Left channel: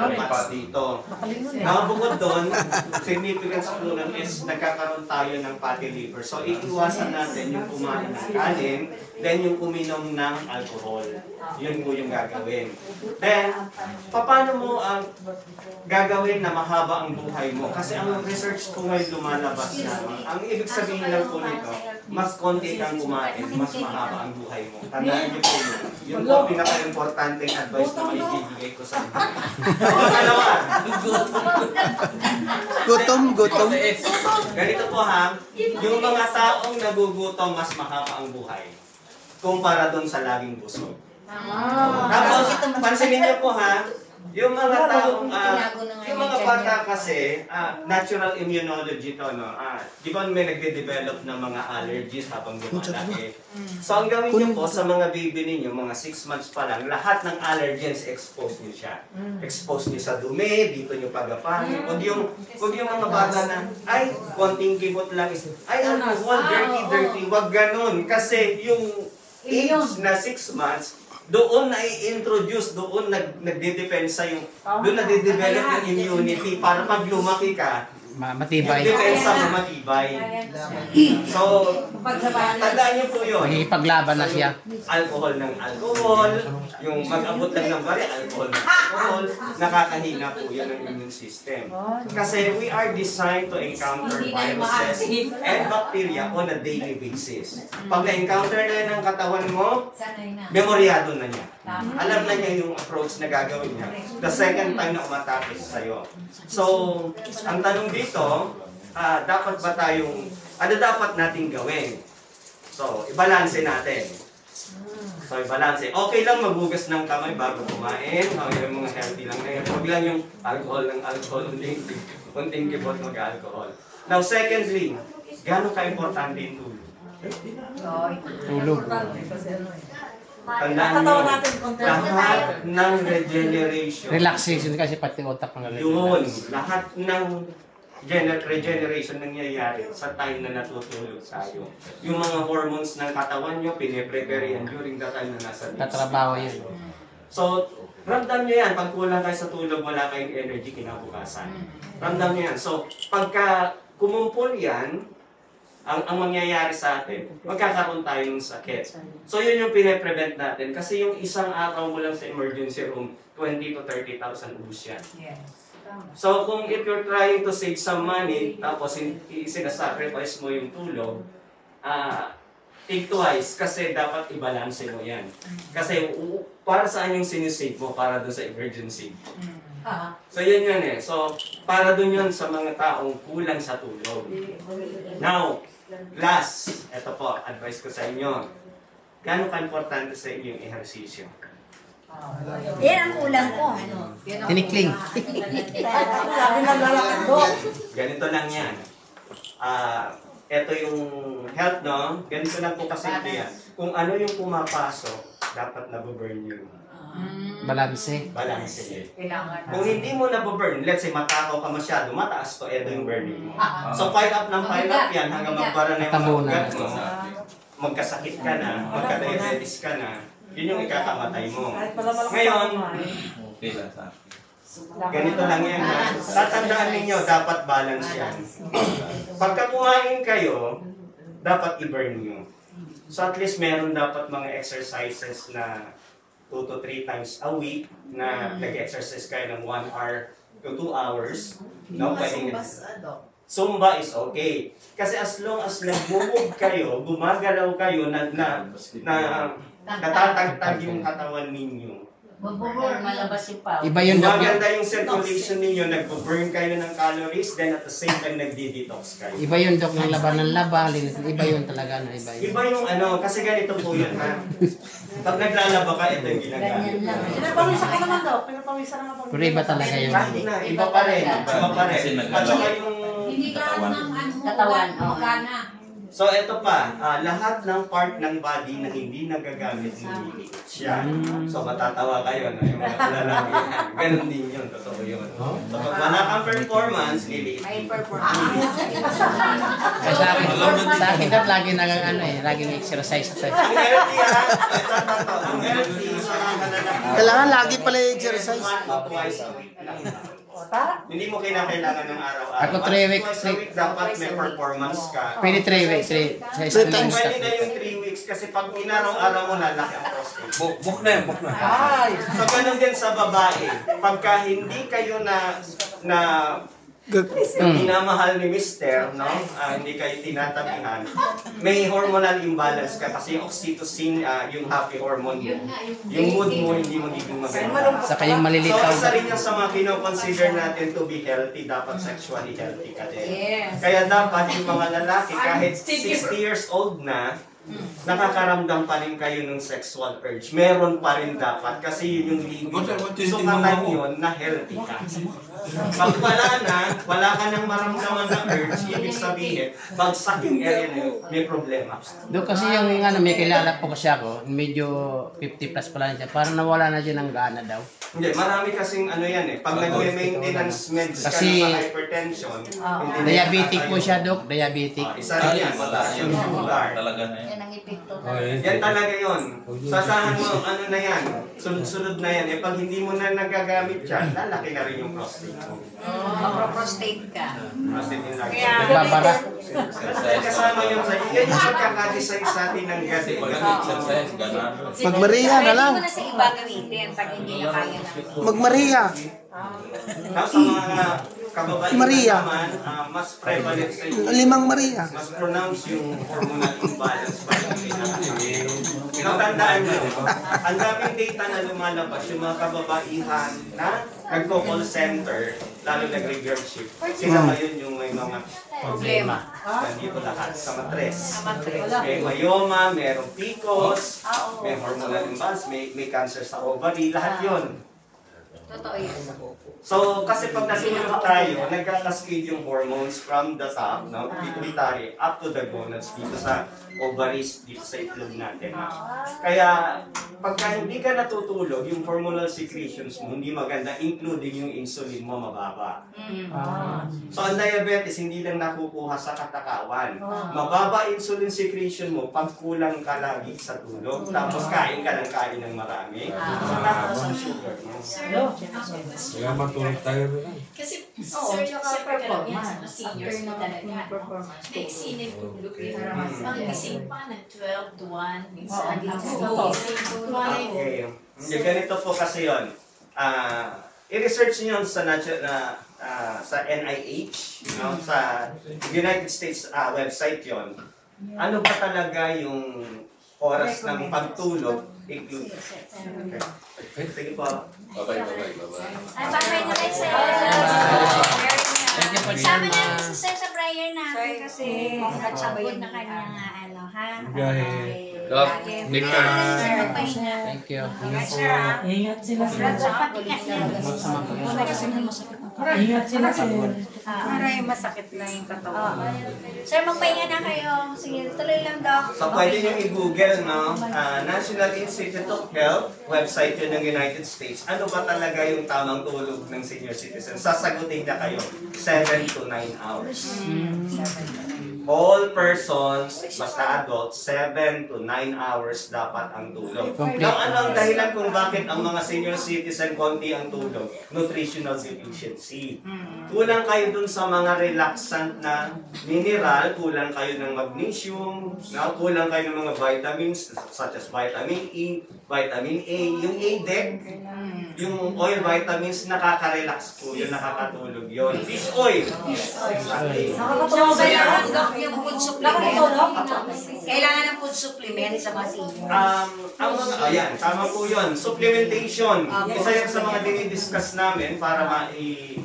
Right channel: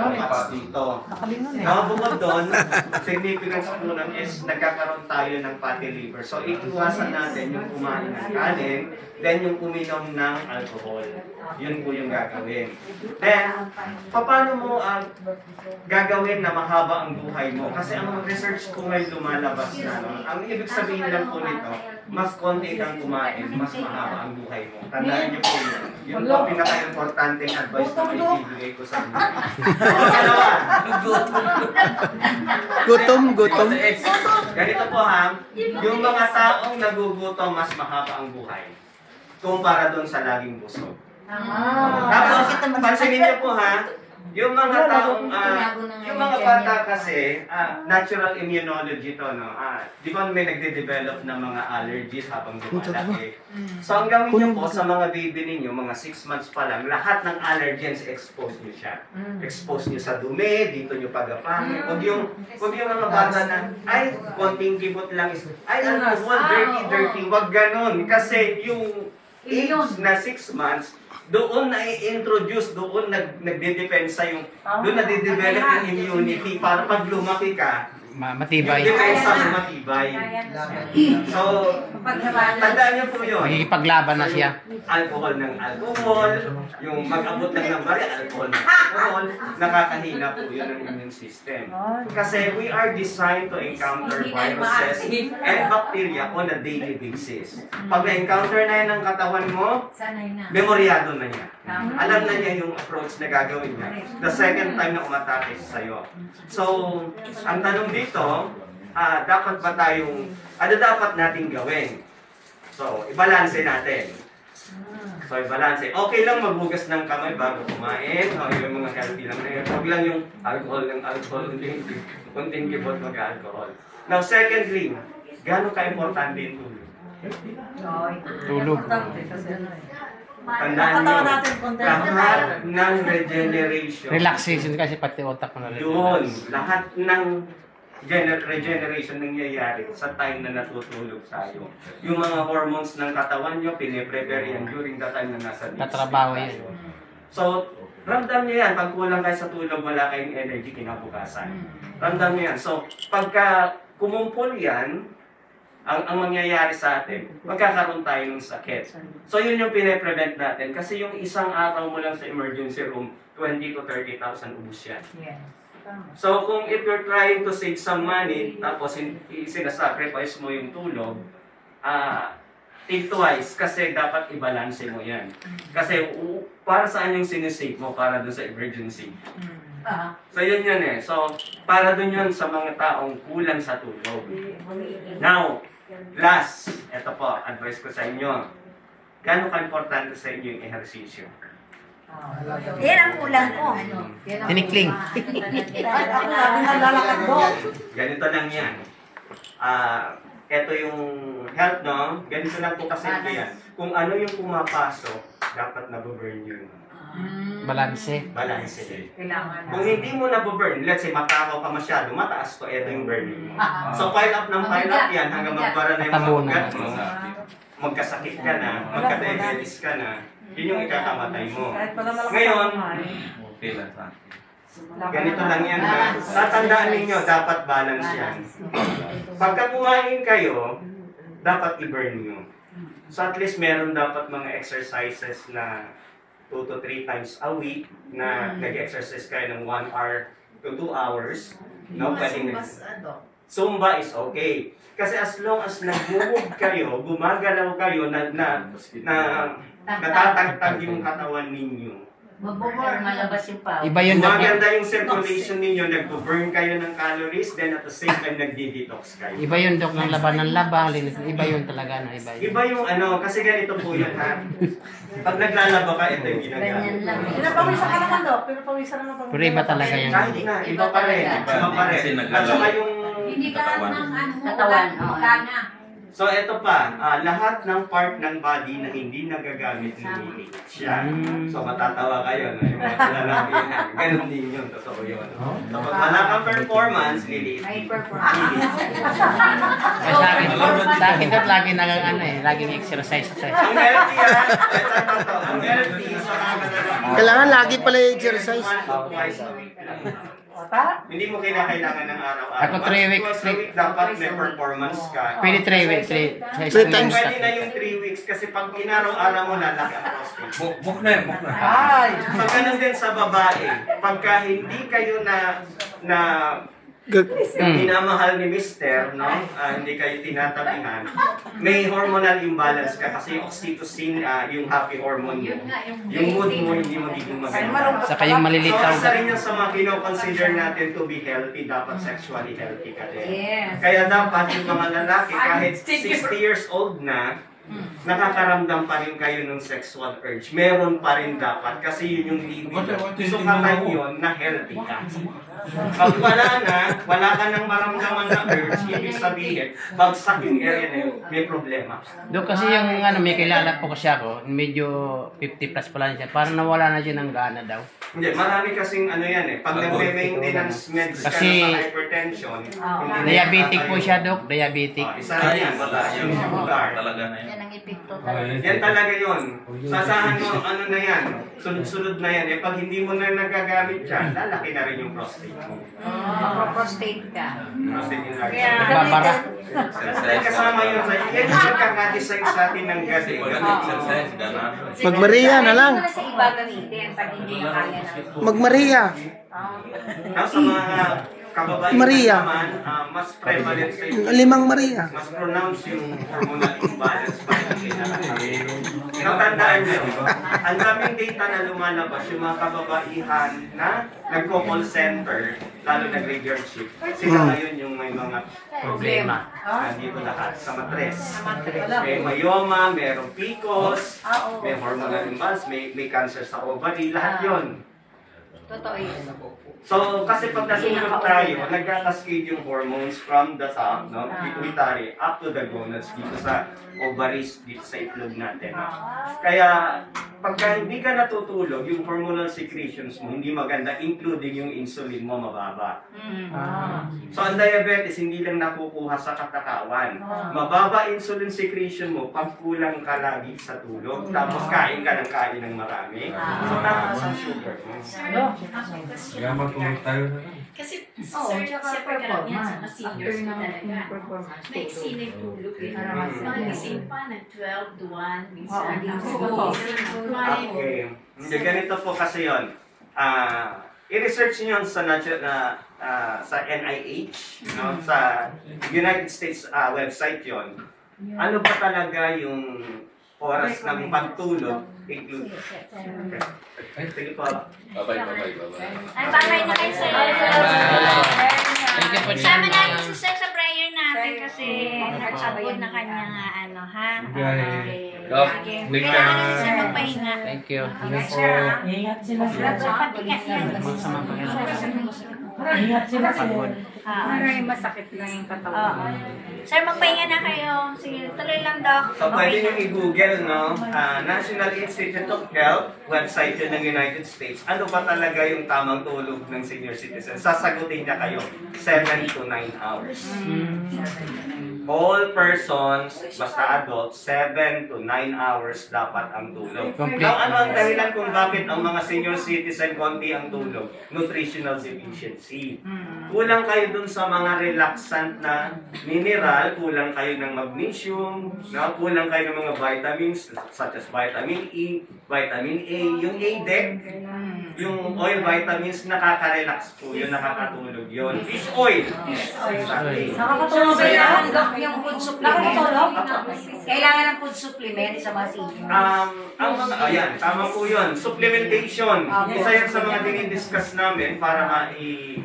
yung fats dito. Bukod doon, significance po nun is nagkakaroon tayo ng fatty liver. So, iiwasan natin yung kumain ng kanin, then yung uminom ng alcohol. Yun po yung gagawin. Then, paano mo gagawin na mahaba ang buhay mo? Kasi ang research po ngayon lumalabas na, ang ibig sabihin lang po nito, mas konti kang kumain, mas mahaba ang buhay mo. Tandaan niyo po yun. Yun po ang pinaka-importanteng advice na maibibigay ko sa inyo. Gutom. Ganito po ha, yung mga taong nagugutom, mas mahaba ang buhay kumpara doon sa laging busog. Tapos, pansinin niyo po ha, yung mga taong, yung mga bata kasi, natural immunology to, no? Di ba may nagde-develop ng mga allergies habang lumalaki? So, ang gawin niyo po sa mga baby ninyo, mga 6 months pa lang, lahat ng allergens, expose niyo siya. Expose niyo sa dumi, dito niyo pagapangin. Huwag yung mga bata na, ay, konting kibot lang is, ay, alcohol, dirty. Huwag ganon. Kasi yung age na 6 months, doon na i-introduce, doon nagde-defense sa yung, doon nade-develop yung immunity para pag lumaki ka, matibay. yung depensa mo matibay. So, tandaan niyo po yun. Magigipaglaban na siya. Alcohol ng alcohol, yung mag-abot lang ng bari, alcohol ng alcohol, nakakahina po yun ang immune system. Kasi we are designed to encounter viruses and bacteria on a daily basis. Pag na-encounter na yan ng katawan mo, memoryado na niya. Alam na niya yung approach na gagawin niya. The second time na umatake sa'yo. So, ang tanong dito, dapat ba tayong, ano dapat nating gawin? So, ibalanse natin. So, ibalanse. Okay lang maghugas ng kamay bago kumain. Yung mga healthy lang na yun. Huwag lang yung alcohol ng alcohol, unting kibot mag-alcohol. Now, secondly, gano'n ka-importante yung tulog? Tulog. Tandaan nyo, lahat ng regeneration. Relaxation kasi pati utak ng Yun, lahat ng regeneration nangyayari sa time na natutulog tayo. Yung mga hormones ng katawan nyo, piniprepare yan during the time na nasa sleep. Tatrabaho yan. So, ramdam nyo yan. Pag kulang kayo sa tulog, wala kayong energy kinabukasan. Ramdam nyo yan. So, pagka kumumpul yan, ang mangyayari sa atin, magkakaroon tayo ng sakit. So, yun yung pine-prevent natin. Kasi yung isang araw mo lang sa emergency room, 20 to 30,000 ubus yan. So, kung if you're trying to save some money, tapos sinasacrifice mo yung tulog, think twice kasi dapat i-balance mo yan. Kasi para saan yung sinisave mo? Para doon sa emergency. So, yun yan eh. So, para doon yun sa mga taong kulang sa tulog. Now, last, ito po, advice ko sa inyo. Gaano ka-importante sa inyo yung ehersisyo? Yan ang kulang ko. Tinikling. Ganito lang yan. Ito yung health, no? Ganito lang po kasi yan. Kung ano yung pumapasok, dapat nabuburn yun. Balanse. Balanse. Kung hindi mo nabuburn, let's say matakaw ka masyado, mataas to, ito yung burning mo. So pile up ng pile up yan hanggang magbara na yung mga ugat mo. Magkasakit ka na, magka-diabetes ka na, yun yung ikakamatay mo. Ngayon, ganito lang yan ha. Tatandaan ninyo, dapat balance yan. Pagka kumain kayo, dapat i-burn nyo. So at least meron dapat mga exercises na 2 to 3 times a week na nag-exercise kayo ng 1 hour to 2 hours. No, pwedeng Zumba is okay. Kasi as long as nag-move kayo, gumagalaw kayo na natatagtag yung katawan ninyo. Magbo-burn, malabas yung power. Iba yun. Maganda yung circulation ninyo, nag-burn kayo ng calories, then at the same time nagdi-detox kayo. Iba yun, Dok, ng laban ng laba. Iba yun talaga. No? Iba yung ano, kasi ganito po yun ha. Pag naglalaba ka, ito yung ginagamit. Pinapawisan ka naman, Dok. Pinapawisan naman. Pero iba talaga yung... Kahit na, iba pa rin. Iba pa rin. At saka yung katawan. So, ito pa, lahat ng part ng body na hindi nagagamit, nililiit siya. So, matatawa kayo, no? Yung mga lalaki yan. Ganun din yun, totoo yun. So, pag wala kang performance, nililiit. Ay, performance. Sa akin dapat lagi laging exercise. Ang healthy, ha? Ito, ang healthy, sa mga lalaki, Kailangan lagi pala i-exercise. Twice a week lang. Ta? Hindi mo kinakailangan ng araw-araw. Ako 3 weeks. Twice a week dapat may performance ka. Pwede 3 weeks. Three times. Pwede na yung 3 weeks kasi pag inaraw-araw mo lalaki ang prostate. Buk na yan, buk na. Ay! So, ganun din sa babae. Pagka hindi kayo na minamahal ni Mister, no? Hindi kayo tinatabingan, may hormonal imbalance ka kasi yung oxytocin, yung happy hormone mo, yung mood mo hindi magiging maganda. Saka yung malilitaw. So, isa rin yan sa mga kino-consider natin to be healthy, dapat sexually healthy ka din. Yes. Kaya dapat yung mga lalaki, kahit 60 years old na, nakakaramdam pa rin kayo ng sexual urge. Meron pa rin dapat kasi yun yung libido. Sukatan yun na healthy ka. Pag wala ka nang maramdaman na urge, ibig sabihin, bagsak yung area na yun, may problema. Doon kasi yung may kilala po kasi ako, medyo 50 plus pala siya. Parang nawala na siya ng gana daw. Hindi, marami kasing ano yan eh. Pag nagme-maintenance meds ka Kasi ng hypertension, hindi diabetic po nakatayo. siya, Dok. Diabetic. Isa rin yan, yung sugar. Talaga na yan. Yan ang epekto. Yan talaga yun. Sasahan mo, ano na yan, sunod-sunod na yan. Eh, pag hindi mo na nagagamit yan, lalaki na rin yung prostate mo. Prostate ka. Prostate yung lagi. Babara. Kasama yun sa yan yung nagkakadesign sa atin ng gasi. Exercise, gana. Mag-Maria na lang. Pwede mo na sa iba gamitin pag hindi na kaya na. Mag-Maria. Sa mga kababaihan Maria. naman, mas prevalent sa inyo. 5 Maria. Mas pronounced yung hormonal imbalance pa yung Tandaan nyo, ang daming data na lumalabas yung mga kababaihan na nagko-call center, lalo nag-graveyard shift. Sila ngayon yung may mga Problema. nandito lahat sa matres. May myoma, merong PCOS, may hormonal imbalance, may cancer sa ovary, lahat yon. Totoo yun. So, kasi pag nasunod tayo, nagkakascade yung hormones from the top, no, pituitary, up to the gonads, dito sa ovaries, dito sa itlog natin. Kaya, pagka hindi ka natutulog, yung hormonal secretions mo, hindi maganda, including yung insulin mo, mababa. So, ang diabetes, hindi lang nakukuha sa katakawan. Mababa insulin secretion mo, pag kulang ka lagi sa tulog, tapos kain ka ng marami, so tapos ang sugar mo. Kaya matulog tayo na lang. Kasi Oo, sir, tsaka siyempre ganun yan sa mga performance. seniors After na ng talaga. performance. May sinay tulog eh. Mga gising pa, nag-12 to 1, minsan. Oo, hindi Ako, totoo. Okay. Hindi, ganito po kasi yun. I-research nyo sa sa NIH, no? Sa United States website yon. Ano ba talaga yung oras ng pagtulog? Include. Sige po. Bye-bye. Ay, bye-bye na kayo, sir. Thank you po Sama dyan. namin si sir sa prayer natin kasi nag-abot na kanyang ano, ha? Doc, Okay. make Kaya ka- sir, magpahinga. Thank you. Ingat, sir, ha? Ingat sila sila. Pati ka yan. Masama po yan. Ingat sila sila. Maraming masakit lang yung katawan. Sir, magpahinga na kayo. Sige, tuloy lang, Doc. So, pwede nyo i-google, no? National Institute of Health, website yun ng United States. Ano ba talaga yung tamang tulog ng senior citizen? Sasagutin niya kayo, 7 to 9 hours. All persons, basta adults, 7 to 9 hours dapat ang tulog. Now, ano ang dahilan kung bakit ang mga senior citizen konti ang tulog? Nutritional deficiency. Kulang kayo dun sa mga relaxant na mineral, kulang kayo ng magnesium, no? Kulang kayo ng mga vitamins such as vitamin E, vitamin A, yung ADEC, yung oil vitamins, nakaka-relax po yun, nakakatulog yun. Fish oil. Exactly. Nakakatulog ba yan? Yung food supplement. Nakakatulog? Kailangan ng food supplement sa mga seniors. Ang mga, ayan, tama po yun. Supplementation. Isa yan sa mga dinidiscuss namin para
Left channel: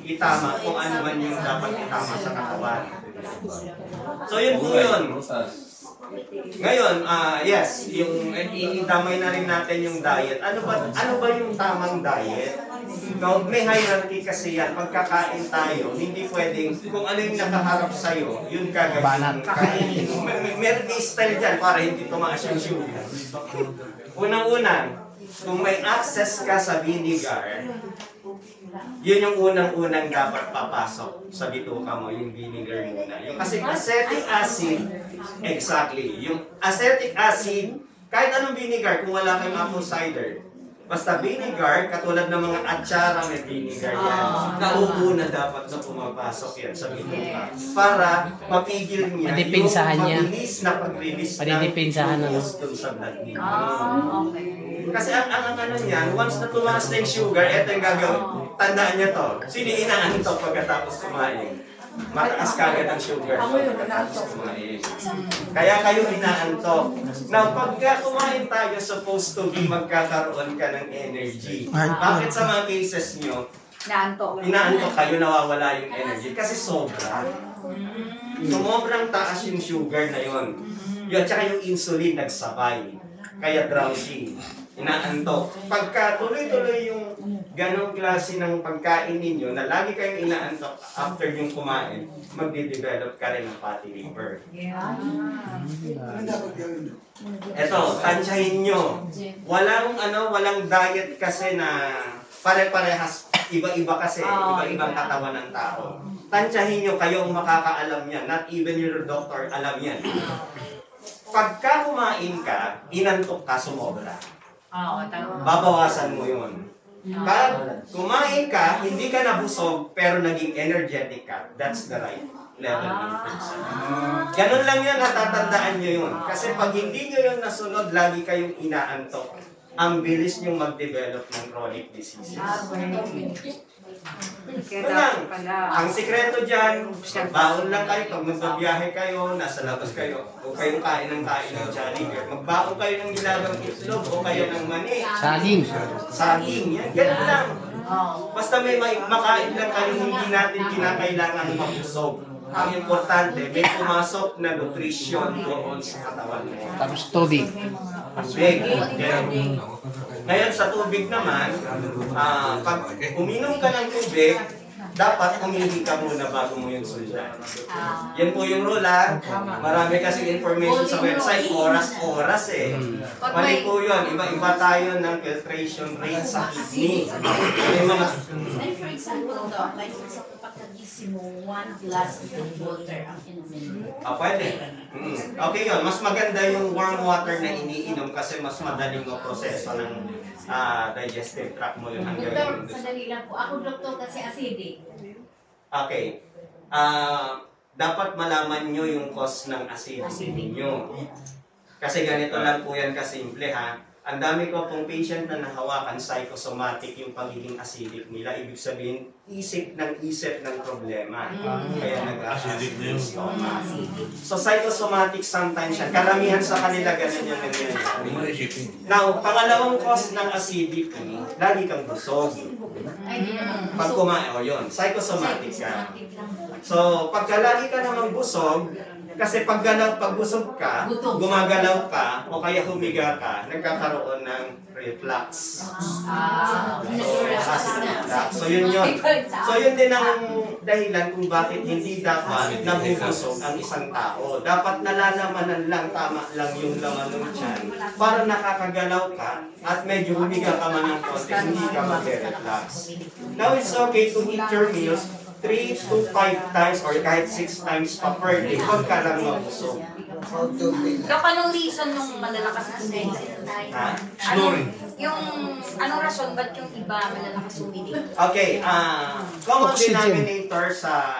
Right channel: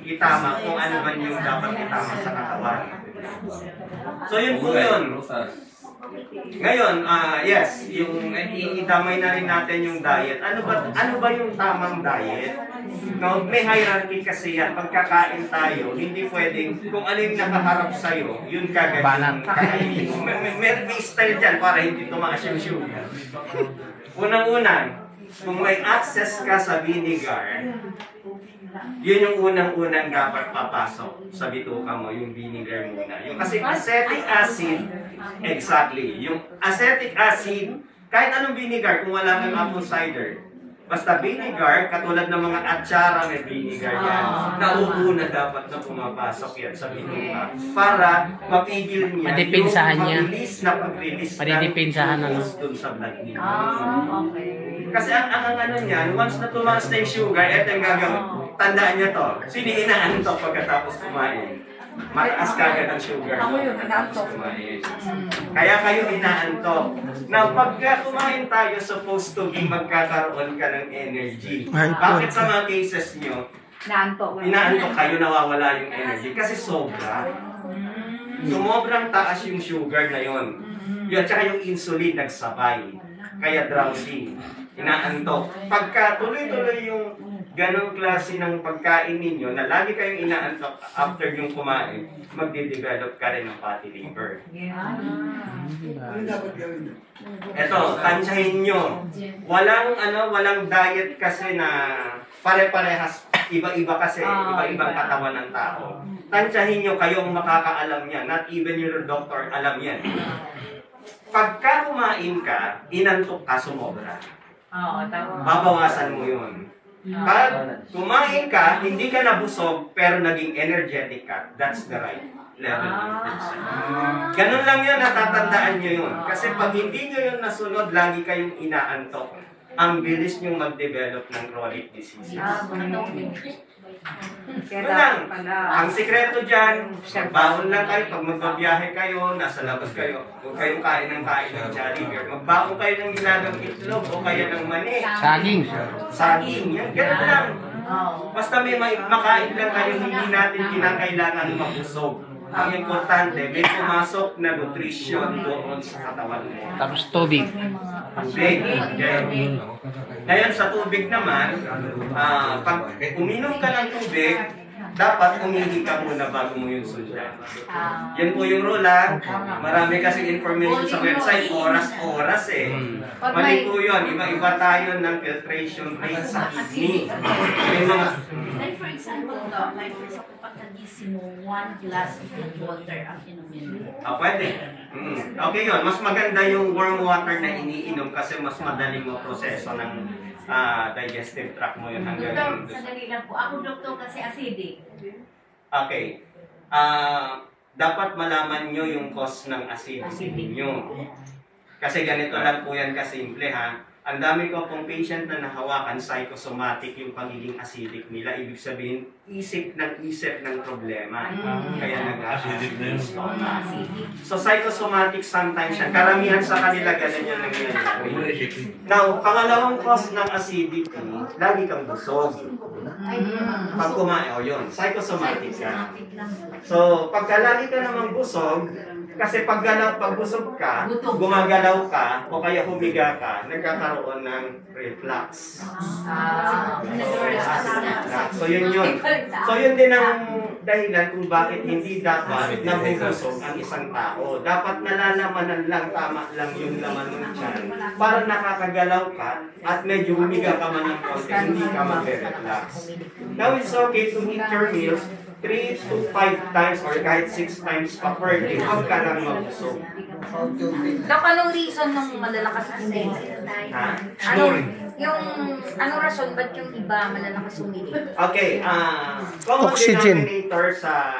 itama kung ano man yung dapat itama sa katawan. So yun po yun. Ngayon, yes, yung itamay na rin natin yung diet. Ano ba yung tamang diet? No, may hierarchy kasi yan. Pagkakain tayo, hindi pwedeng kung ano yung nakaharap sa'yo, yun kagad yung kainin. May style dyan para hindi tumaas yung sugar. Unang-una, kung may access ka sa vinegar, yun yung unang-unang dapat papasok sa bituka mo, yung vinegar muna. Yung kasi acetic acid, exactly. Yung acetic acid, kahit anong vinegar, kung wala kang apple cider, Basta vinegar, katulad ng mga atsara may vinegar yan. Naubo na dapat na pumapasok yan sa bituka para mapigil niya Madipinsahan niya. yung mabilis na pag-release Madidipinsahan na, no? glucose dun sa blood niya. Okay. Kasi ang ano niyan, once na tumaas na yung sugar, eto yung gagawin. Tandaan niyo to. Sino inaantok pagkatapos kumain? Mataas kagad ang sugar. Ako yun, pagkatapos inaantok. kumain. Kaya kayo inaantok. Now, pagka kumain tayo, supposed to be magkakaroon ka ng energy. Ay, Bakit sa mga cases nyo, Naantok. inaantok kayo, nawawala yung energy? Kasi sobra. Sumobrang taas yung sugar na yon. Yun, tsaka yung insulin nagsabay. Kaya drowsy. Inaantok. Pagka tuloy-tuloy yung ganong klase ng pagkain ninyo na lagi kayong inaantok after yung kumain, magde-develop ka rin ng fatty liver. Eto, tansyahin nyo. Walang diet kasi na pare-parehas, iba-iba kasi, iba-ibang katawan ng tao. Tansyahin nyo, kayong makakaalam yan. Not even your doctor alam yan. Pagka kumain ka, inantok ka, sumobra. Oo, tama. Babawasan mo yun. Pag kumain ka, hindi ka nabusog, pero naging energetic ka, that's the right level of nutrition. Ganun lang yun, natatandaan nyo yun. Kasi pag hindi nyo yun nasunod, lagi kayong inaantok. Ang bilis nyo mag-develop ng chronic diseases. Yun lang. Ang sikreto dyan, magbaon lang kayo. Pag magbabiyahe kayo, nasa labas kayo, huwag kayong kain ng Jollibee. Magbaon kayo ng nilagang itlog o kaya ng mani. Saging. Saging, yan. Ganun lang. Basta may makain lang kayo, hindi natin kinakailangan mabusog. Ang importante, may pumasok na nutrition doon sa katawan mo. Tapos tubig. Tubig. Okay. Ngayon sa tubig naman, pag uminom ka ng tubig, dapat umihi ka muna bago mo yung sundan. Yan po yung rule ha. Marami kasi information sa website, oras eh. Mali po yun, iba-iba tayo ng filtration rate sa kidney. May mga... Like for example, Doc, like for example, pagkagising mo, 1 glass of water ang inumin mo. Pwede. Okay yun, mas maganda yung warm water na iniinom kasi mas madaling proseso ng digestive tract mo yun hanggang... Doktor, sandali lang po. Ako, doktor, kasi acidic. Okay. Dapat malaman nyo yung cause ng acidity ninyo. Kasi ganito lang po yan kasimple ha. Ang dami ko pong patient na nahawakan, psychosomatic yung pagiging acidic nila. Ibig sabihin, isip ng problema. Kaya Acidic na yun. So psychosomatic sometimes yan. Karamihan sa kanila ganun yung nangyayari. Now, pangalawang cause ng acidity, lagi kang busog. Pag kumain, yun, psychosomatic ka. So, pagka lagi ka naman busog, kasi pag busog ka, gumagalaw ka, o kaya humiga ka, nagkakaroon ng reflux. So, yun yun. So, yun din ang dahilan kung bakit hindi dapat nabubusog ang isang tao. Dapat nalalamanan lang, tama lang yung laman ng tiyan, para nakakagalaw ka, at medyo humiga ka man ng konti, hindi ka mag-reflux. Now, it's okay to eat your meals 3 to 5 times or kahit 6 times pa per day. Huwag ka lang mabusog. Dok, anong reason nung malalakas uminig? Ha? Anong rason ba't yung iba malalakas uminig? Okay, common Oxygen. denominator sa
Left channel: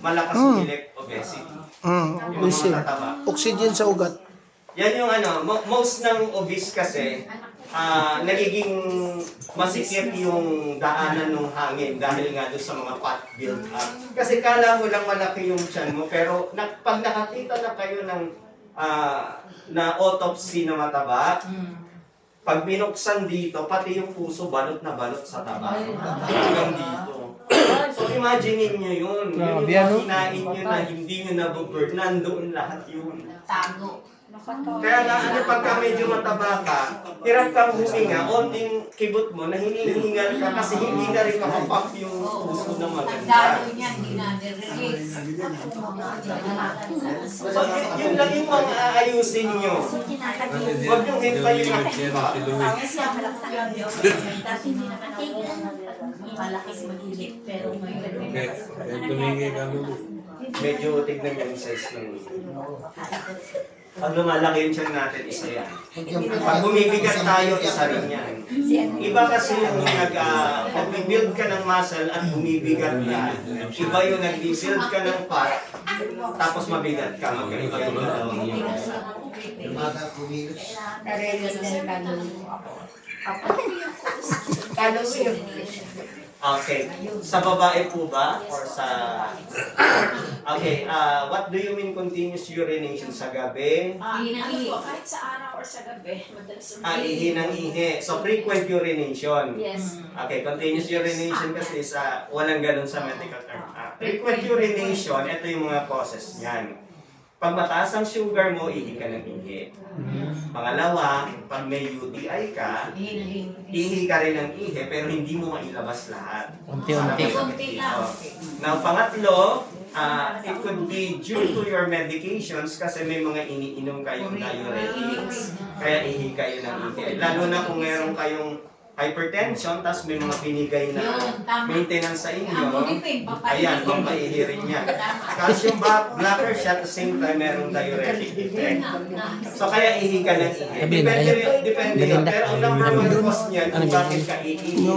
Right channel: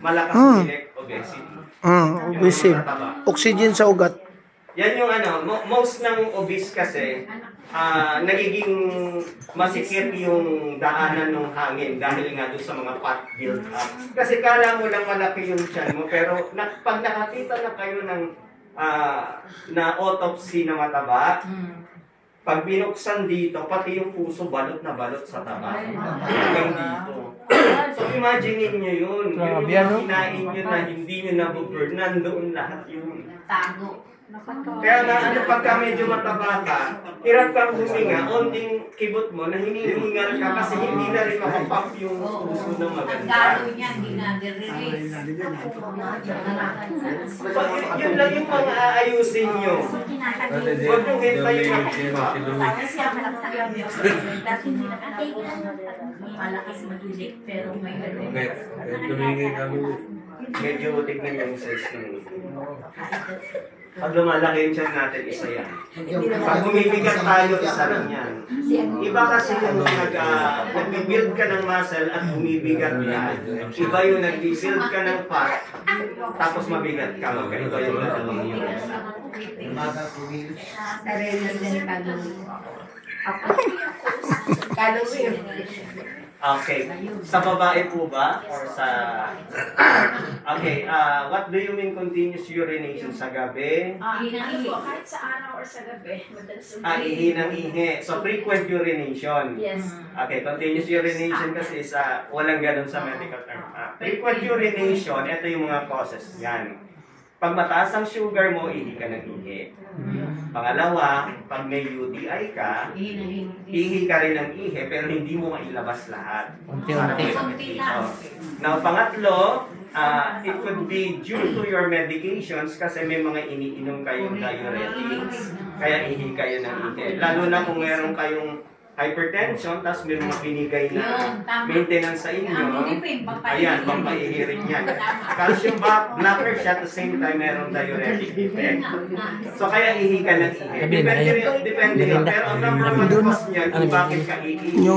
malakas uminig, obesity. Yung Busy. mga mataba. Oxygen sa ugat. Yan yung most ng obese kasi, nagiging masikip yung daanan ng hangin dahil nga doon sa mga fat build up. Kasi kala mo lang malaki yung tiyan mo, pero pag nakakita na kayo ng na autopsy na mataba, pag binuksan dito, pati yung puso balot na balot sa taba. Hanggang dito. So imagine nyo yun. Yun yung mga kinain nyo na hindi nyo nabuburn. Nandoon lahat yun. Tago. Kaya na pagka medyo mataba ka, hirap kang huminga, onting kibot mo na hinihingal ka kasi hindi na rin makapap yung puso ng maganda. Tago niya, hindi na release. So yun lang yung mga aayusin nyo. Huwag nyo hintayin na Malakas magilik, pero may Tumigay ka medyo tignan niyo yung size ng pag lumalaki yung tiyan natin, isa yan. Pag bumibigat tayo, isa rin yan. Iba kasi yung nag-build ka ng muscle at bumibigat yan. Iba yung nag-build ka ng fat, tapos mabigat ka. Iba yung dalawang yun. Nare-release din yung kaluluwa. Okay. Sa babae po ba? Or sa... Okay. What do you mean continuous urination sa gabi? Ano po, kahit sa araw or sa gabi, madalas Ihi ng ihi. So, frequent urination. Yes. Okay, continuous urination kasi sa walang ganun sa medical term. Frequent urination, ito yung mga causes yan. Pag mataas ang sugar mo, ihi ka ng ihi. Pangalawa, pag may UTI ka, ihi ka rin ng ihi, pero hindi mo mailabas lahat. Unti-unti. Now, pangatlo, it could be due to your medications kasi may mga iniinom kayong diuretics, kaya ihi kayo ng ihi. Lalo na kung meron kayong hypertension, tapos may mga binigay na maintenance sa inyo, ayan, pampahihirin yan. Calcium blocker siya, at the same time, meron diuretic effect. So, kaya ihi ka ng ihi. Depende yun. Pero ang number one cause niyan, kung bakit ka ihi ng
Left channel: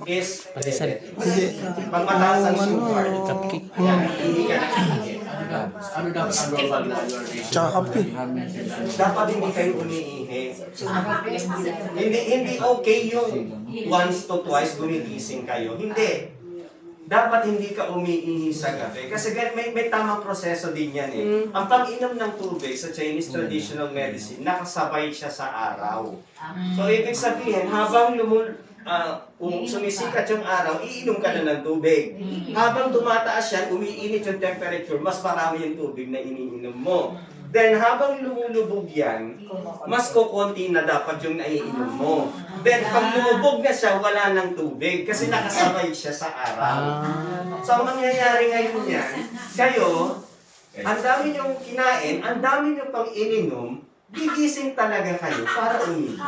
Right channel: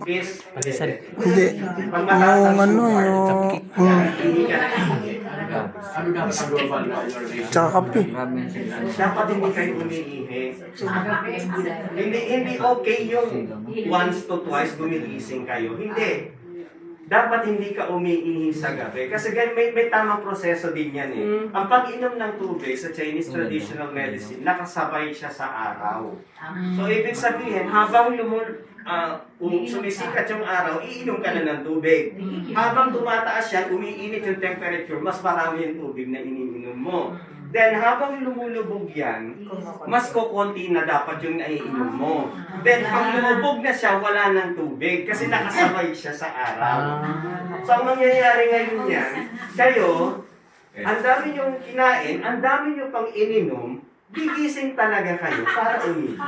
ihi, is Hindi. pag mataas ang Yung sugar, yung ihi ka ng ihi. tsaka kape. Dapat hindi kayo umiihi. Hindi okay yung once to twice gumigising kayo. Hindi. Dapat hindi ka umiihi sa gabi. Kasi may tamang proseso din yan eh. Ang pag-inom ng tubig sa Chinese traditional medicine, nakasabay siya sa araw. So, ibig sabihin, habang sumisikat yung araw, iinom ka na ng tubig. Habang tumataas yan, umiinit yung temperature, mas marami yung tubig na iniinom mo. Then, habang lumulubog yan, mas kukunti na dapat yung naiinom mo. Then, pag lumubog na siya, wala ng tubig kasi nakasabay siya sa araw. So, ang mangyayari ngayon yan, kayo, ang dami niyong kinain, ang dami niyong pang ininom, gigising talaga kayo para uminom.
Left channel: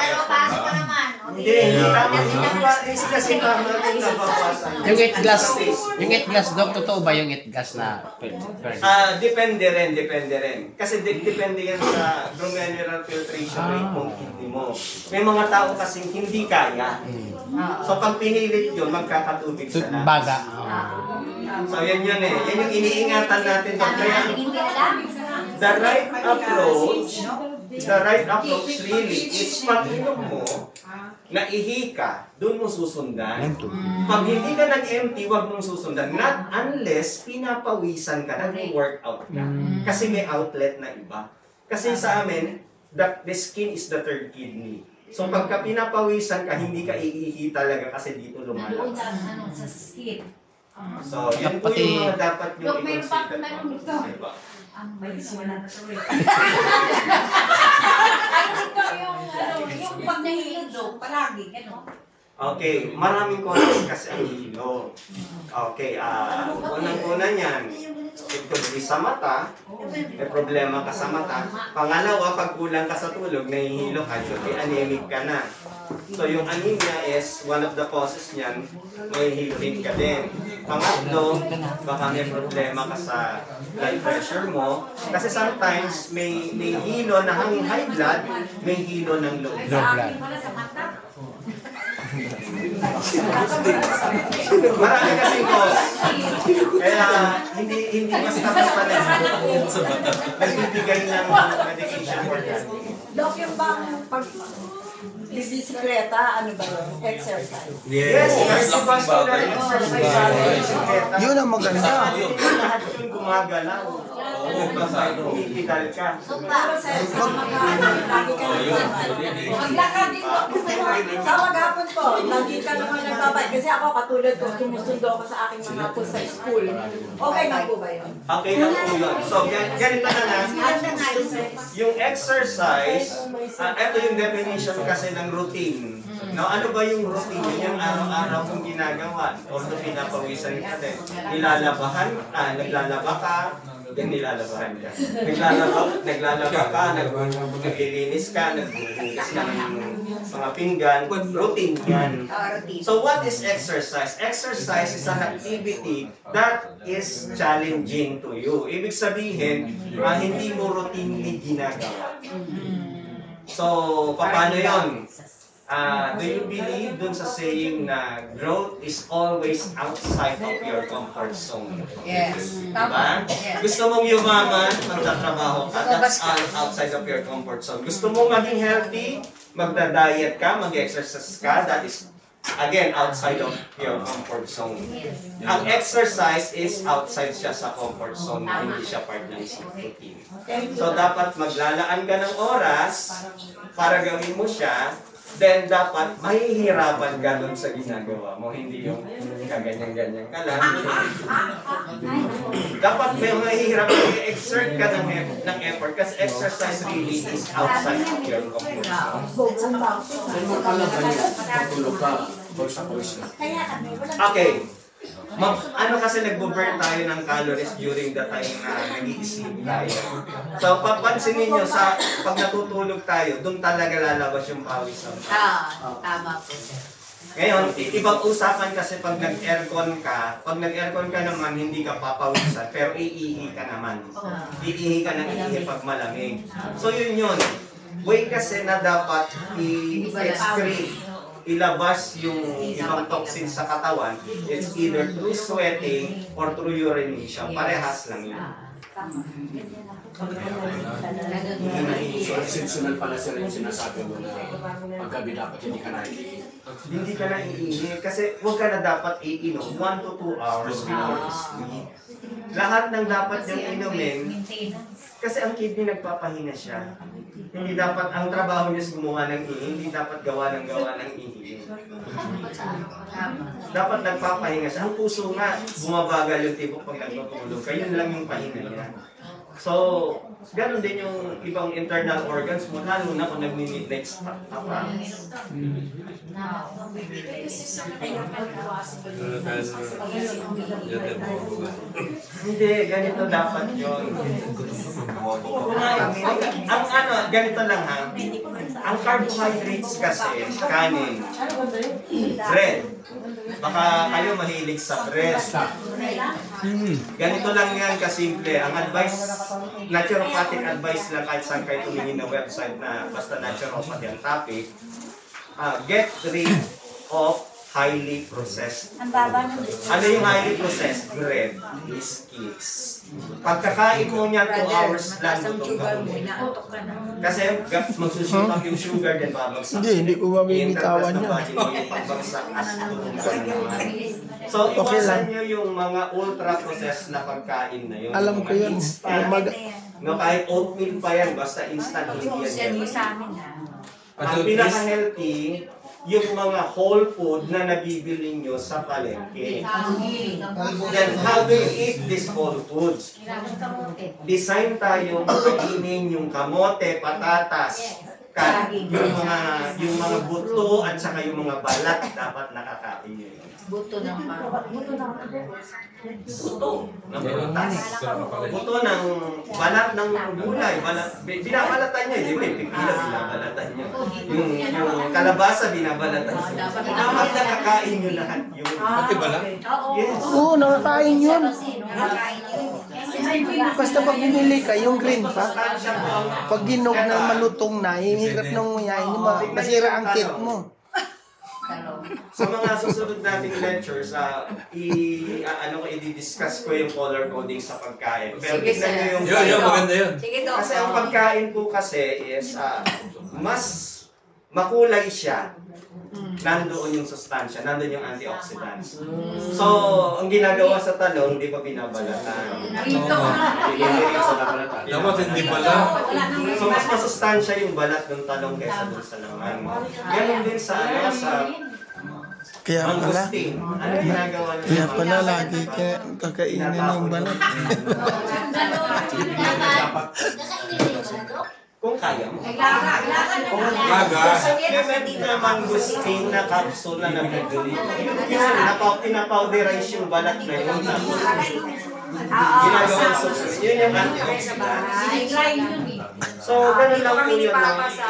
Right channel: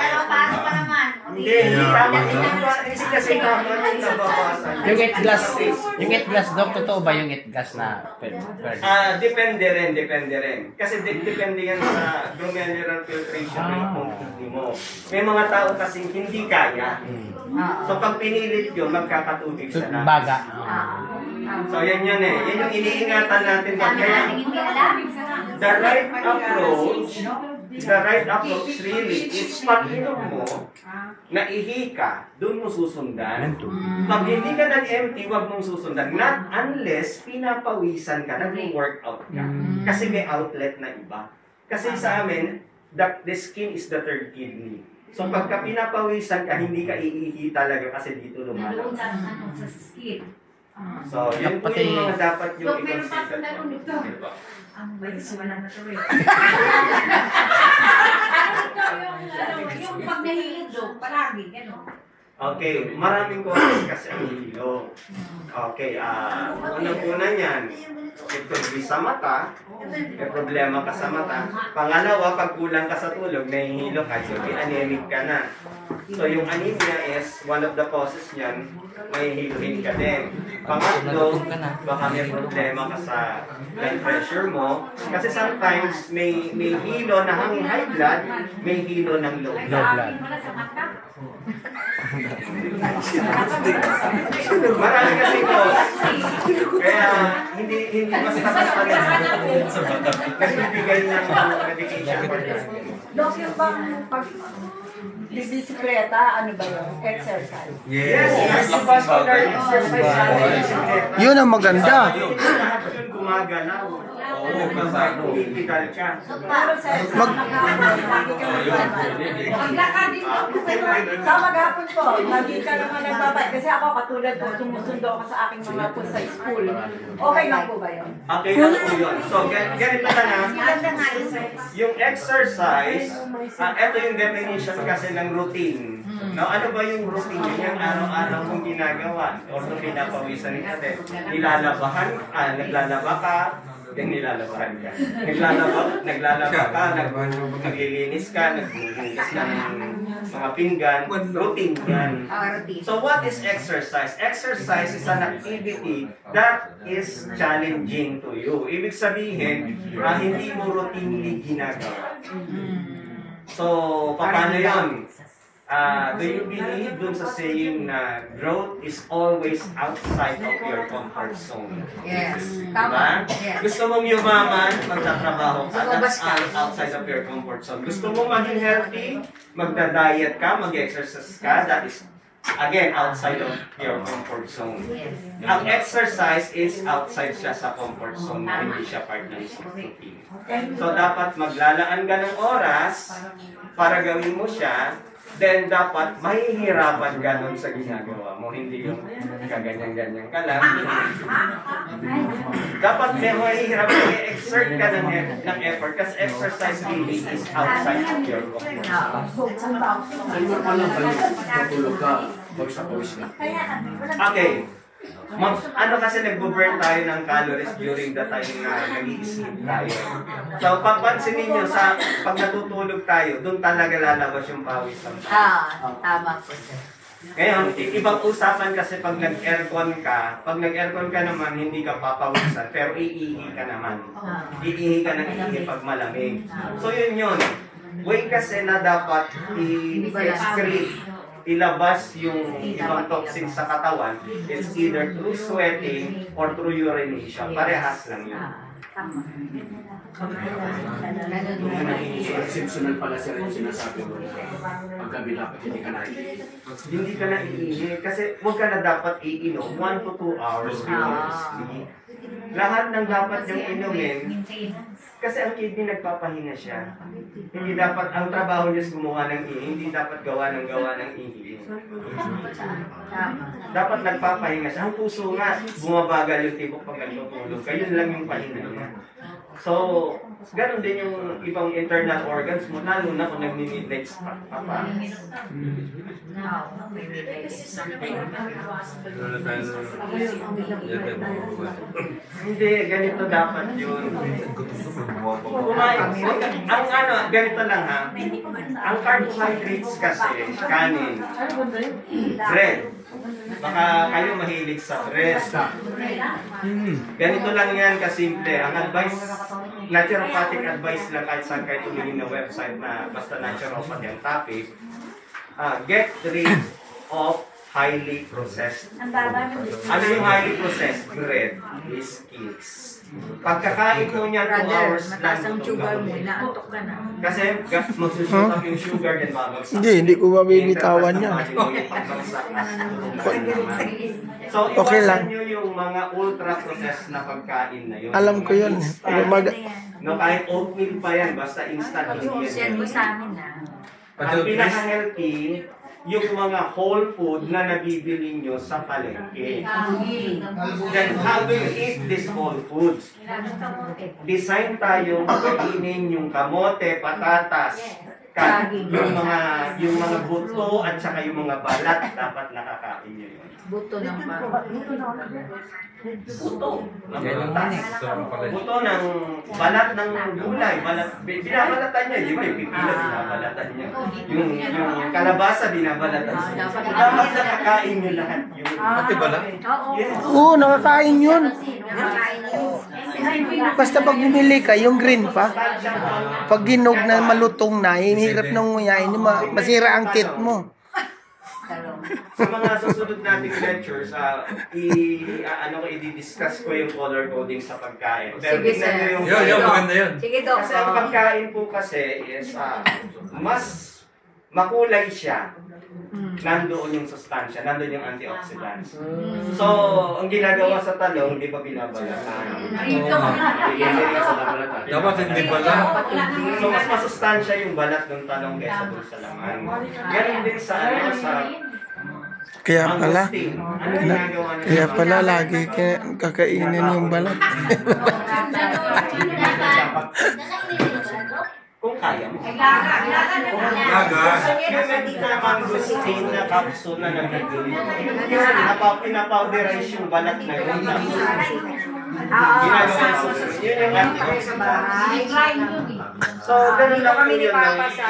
Pero paano pa naman? Hindi tama. Hindi kasi tama yung nabawasan. Yung eat glass, Dok, totoo ba yung eat glass na Depende rin. Kasi depende yan sa glomerular filtration rate ng kidney mo. May mga tao kasing hindi kaya. So pag pinilit yun, magkakatubig sa labas. baga? So yan eh. Yan yung iniingatan natin. Kaya Hindi alam. the right approach really is pag inom mo, naihi ka, doon mo susundan. Pag hindi ka nag-empty, wag mong susundan. Not unless pinapawisan ka, nag-workout ka. Kasi may outlet na iba. Kasi sa amin, the skin is the third kidney. So pagka pinapawisan ka, hindi ka iihi talaga kasi dito lumalabas. sa skin. So, yun po yung mga dapat yung Dok, meron pa akong i-consider. tanong dito. Diba? Ano ito yung pag nahihilo, palagi, gano'n. Okay, maraming causes kasi ang hilo. Okay, unang-una niyan, it could be sa mata, may problema ka sa mata. Pangalawa, pag kulang ka sa tulog, nahihilo ka, may anemic ka na. So yung anemia is one of the causes niyan, may hiluhin ka din. Pangatlo, baka may problema ka sa blood pressure mo. Kasi sometimes may hilo na hanging high blood, may hilo ng low blood. Marami kasi cause. Kaya hindi basta-basta nagbibigay ng medication for that. Dok, yung bang pag bibisikleta, ano ba yun? Exercise. Yes, cardiovascular exercise. Yun ang maganda. Lahat yun gumagalaw. Pumipidal ka. Pero sa lagi ka nagbabay. Sa maghapon po, lagi ka naman nagbabay. Kasi ako katulad ko, sumusundo ako sa aking mga po sa school. Okay lang po ba yun? Okay lang po yun. So, ganito na na. Yung exercise, ito yung definition kasi ng routine. Now, ano ba yung routine? Yung araw-araw kong ginagawa. Although pinapawisan natin. Naglalaba ka, Yung nilalabahan ka. Naglalaba ka, naglilinis ka, naghuhugas ka ng mga pinggan, routine yan. So what is exercise? Exercise is an activity that is challenging to you. Ibig sabihin, hindi mo routinely ginagawa. So, paano yun? Do you believe dun sa saying na growth is always outside of your comfort zone? Yes. Diba? Yes. Gusto mong yumaman, magtatrabaho ka, that's outside of your comfort zone. Gusto mong maging healthy, magda-diet ka, mag-exercise ka, that is, again, outside of your comfort zone. Ang exercise is outside siya sa comfort zone, hindi siya part ng routine. So, dapat maglalaan ka ng oras para gawin mo siya, then dapat mahihirapan ka doon sa ginagawa mo, hindi yung kaganyan-ganyan ka lang. Dapat may mahihirapan, may exert ka ng effort kasi exercise really is outside of your comfort zone. Okay. Ano kasi nagbo-burn tayo ng calories during the time na nag-i-sleep tayo. So, papansinin nyo, pag natutulog tayo, doon talaga lalabas yung pawis ng tayo. Tama po. Ngayon, ibang usapan kasi pag nag-aircon ka, naman, hindi ka papawisan, pero iihi ka naman. Iihi ka ng iihi pag malamig. So, yun. Way kasi na dapat i-excrete, ilabas yung ibang toxins sa katawan, it's either through sweating or through urination. Parehas lang yun. Sensational pala sila yung sinasabi mo na paggabi dapat hindi ka naiihi. Hindi ka na iihi kasi huwag ka na dapat iinom 1 to 2 hours before sleep. Lahat ng dapat niyang inumin kasi ang kidney nagpapahinga siya. Hindi dapat, ang trabaho niya gumawa ng ihi, hindi dapat gawa ng ihi. Dapat nagpapahinga siya. Ang puso nga, bumabagal yung tibok pag nagtutulog. Yun lang yung pahinga niya. So, ganun din yung ibang internal organs mo, lalo na kung nag-midnight stop ka pa. Hindi, ganito dapat yun. Ganito lang ha. Ang carbohydrates kasi, kanin, bread. Baka kayo mahilig sa bread. Ganito lang yan kasimple. Ang advice, naturopathic advice lang kahit saan kayo tumingin na website na basta naturopathy ang topic, get rid of highly processed. Ano yung highly processed? Bread, biscuits. Pagkakain mo niya 2 hours lang ito. Kasi magsusuot up yung sugar din babagsak. Hindi ko mabibitawan yan. So, iwasan nyo yung mga ultra-processed na pagkain na yun. Alam ko yun. No, kahit oatmeal pa yan, basta instant Send mo yan. sa amin Ang pinaka-healthy, yung mga whole food na nabibili nyo sa palengke. Then, how do you eat these whole foods? Design tayong kainin yung kamote, patatas, yung mga buto at saka yung mga balat dapat nakakain nyo yun. Buto ng Buto ng prutas. Buto ng balat ng gulay. Binabalatan niya. Di ba yung pipila binabalatan niya. Yung kalabasa binabalatan niya. Dapat nakakain nyo lahat yun. Pati balat? Yes. Oo, nakakain yun. Basta pag binili ka, yung green pa, pag ginog na malutong na, hirap nang nguyain, masira ang teeth mo. Sa mga susunod nating lectures, i-discuss ko yung color coding sa pagkain. Pero tignan nyo yung Maganda yun. Sige, Dok. kasi ang pagkain po kasi is mas makulay siya. Nandoon yung sustansya, nandoon yung antioxidants. So, ang ginagawa sa talong, hindi pa binabalatan. Dapat hindi pala. So, mas masustansya yung balat ng talong kaysa dun sa laman. Ganon din sa Kaya pala, mangosteen. Ano ginagawa niya? kaya pala lagi kakainin yung balat. Kung kaya mo. Laga. Yung may mangosteen na capsule na nabibili. Yung pinapowderize yung balat na yun. Ginagawa soup. Yun yung Sa bahay. So, ganun lang po Kami ni yun. Papa sa...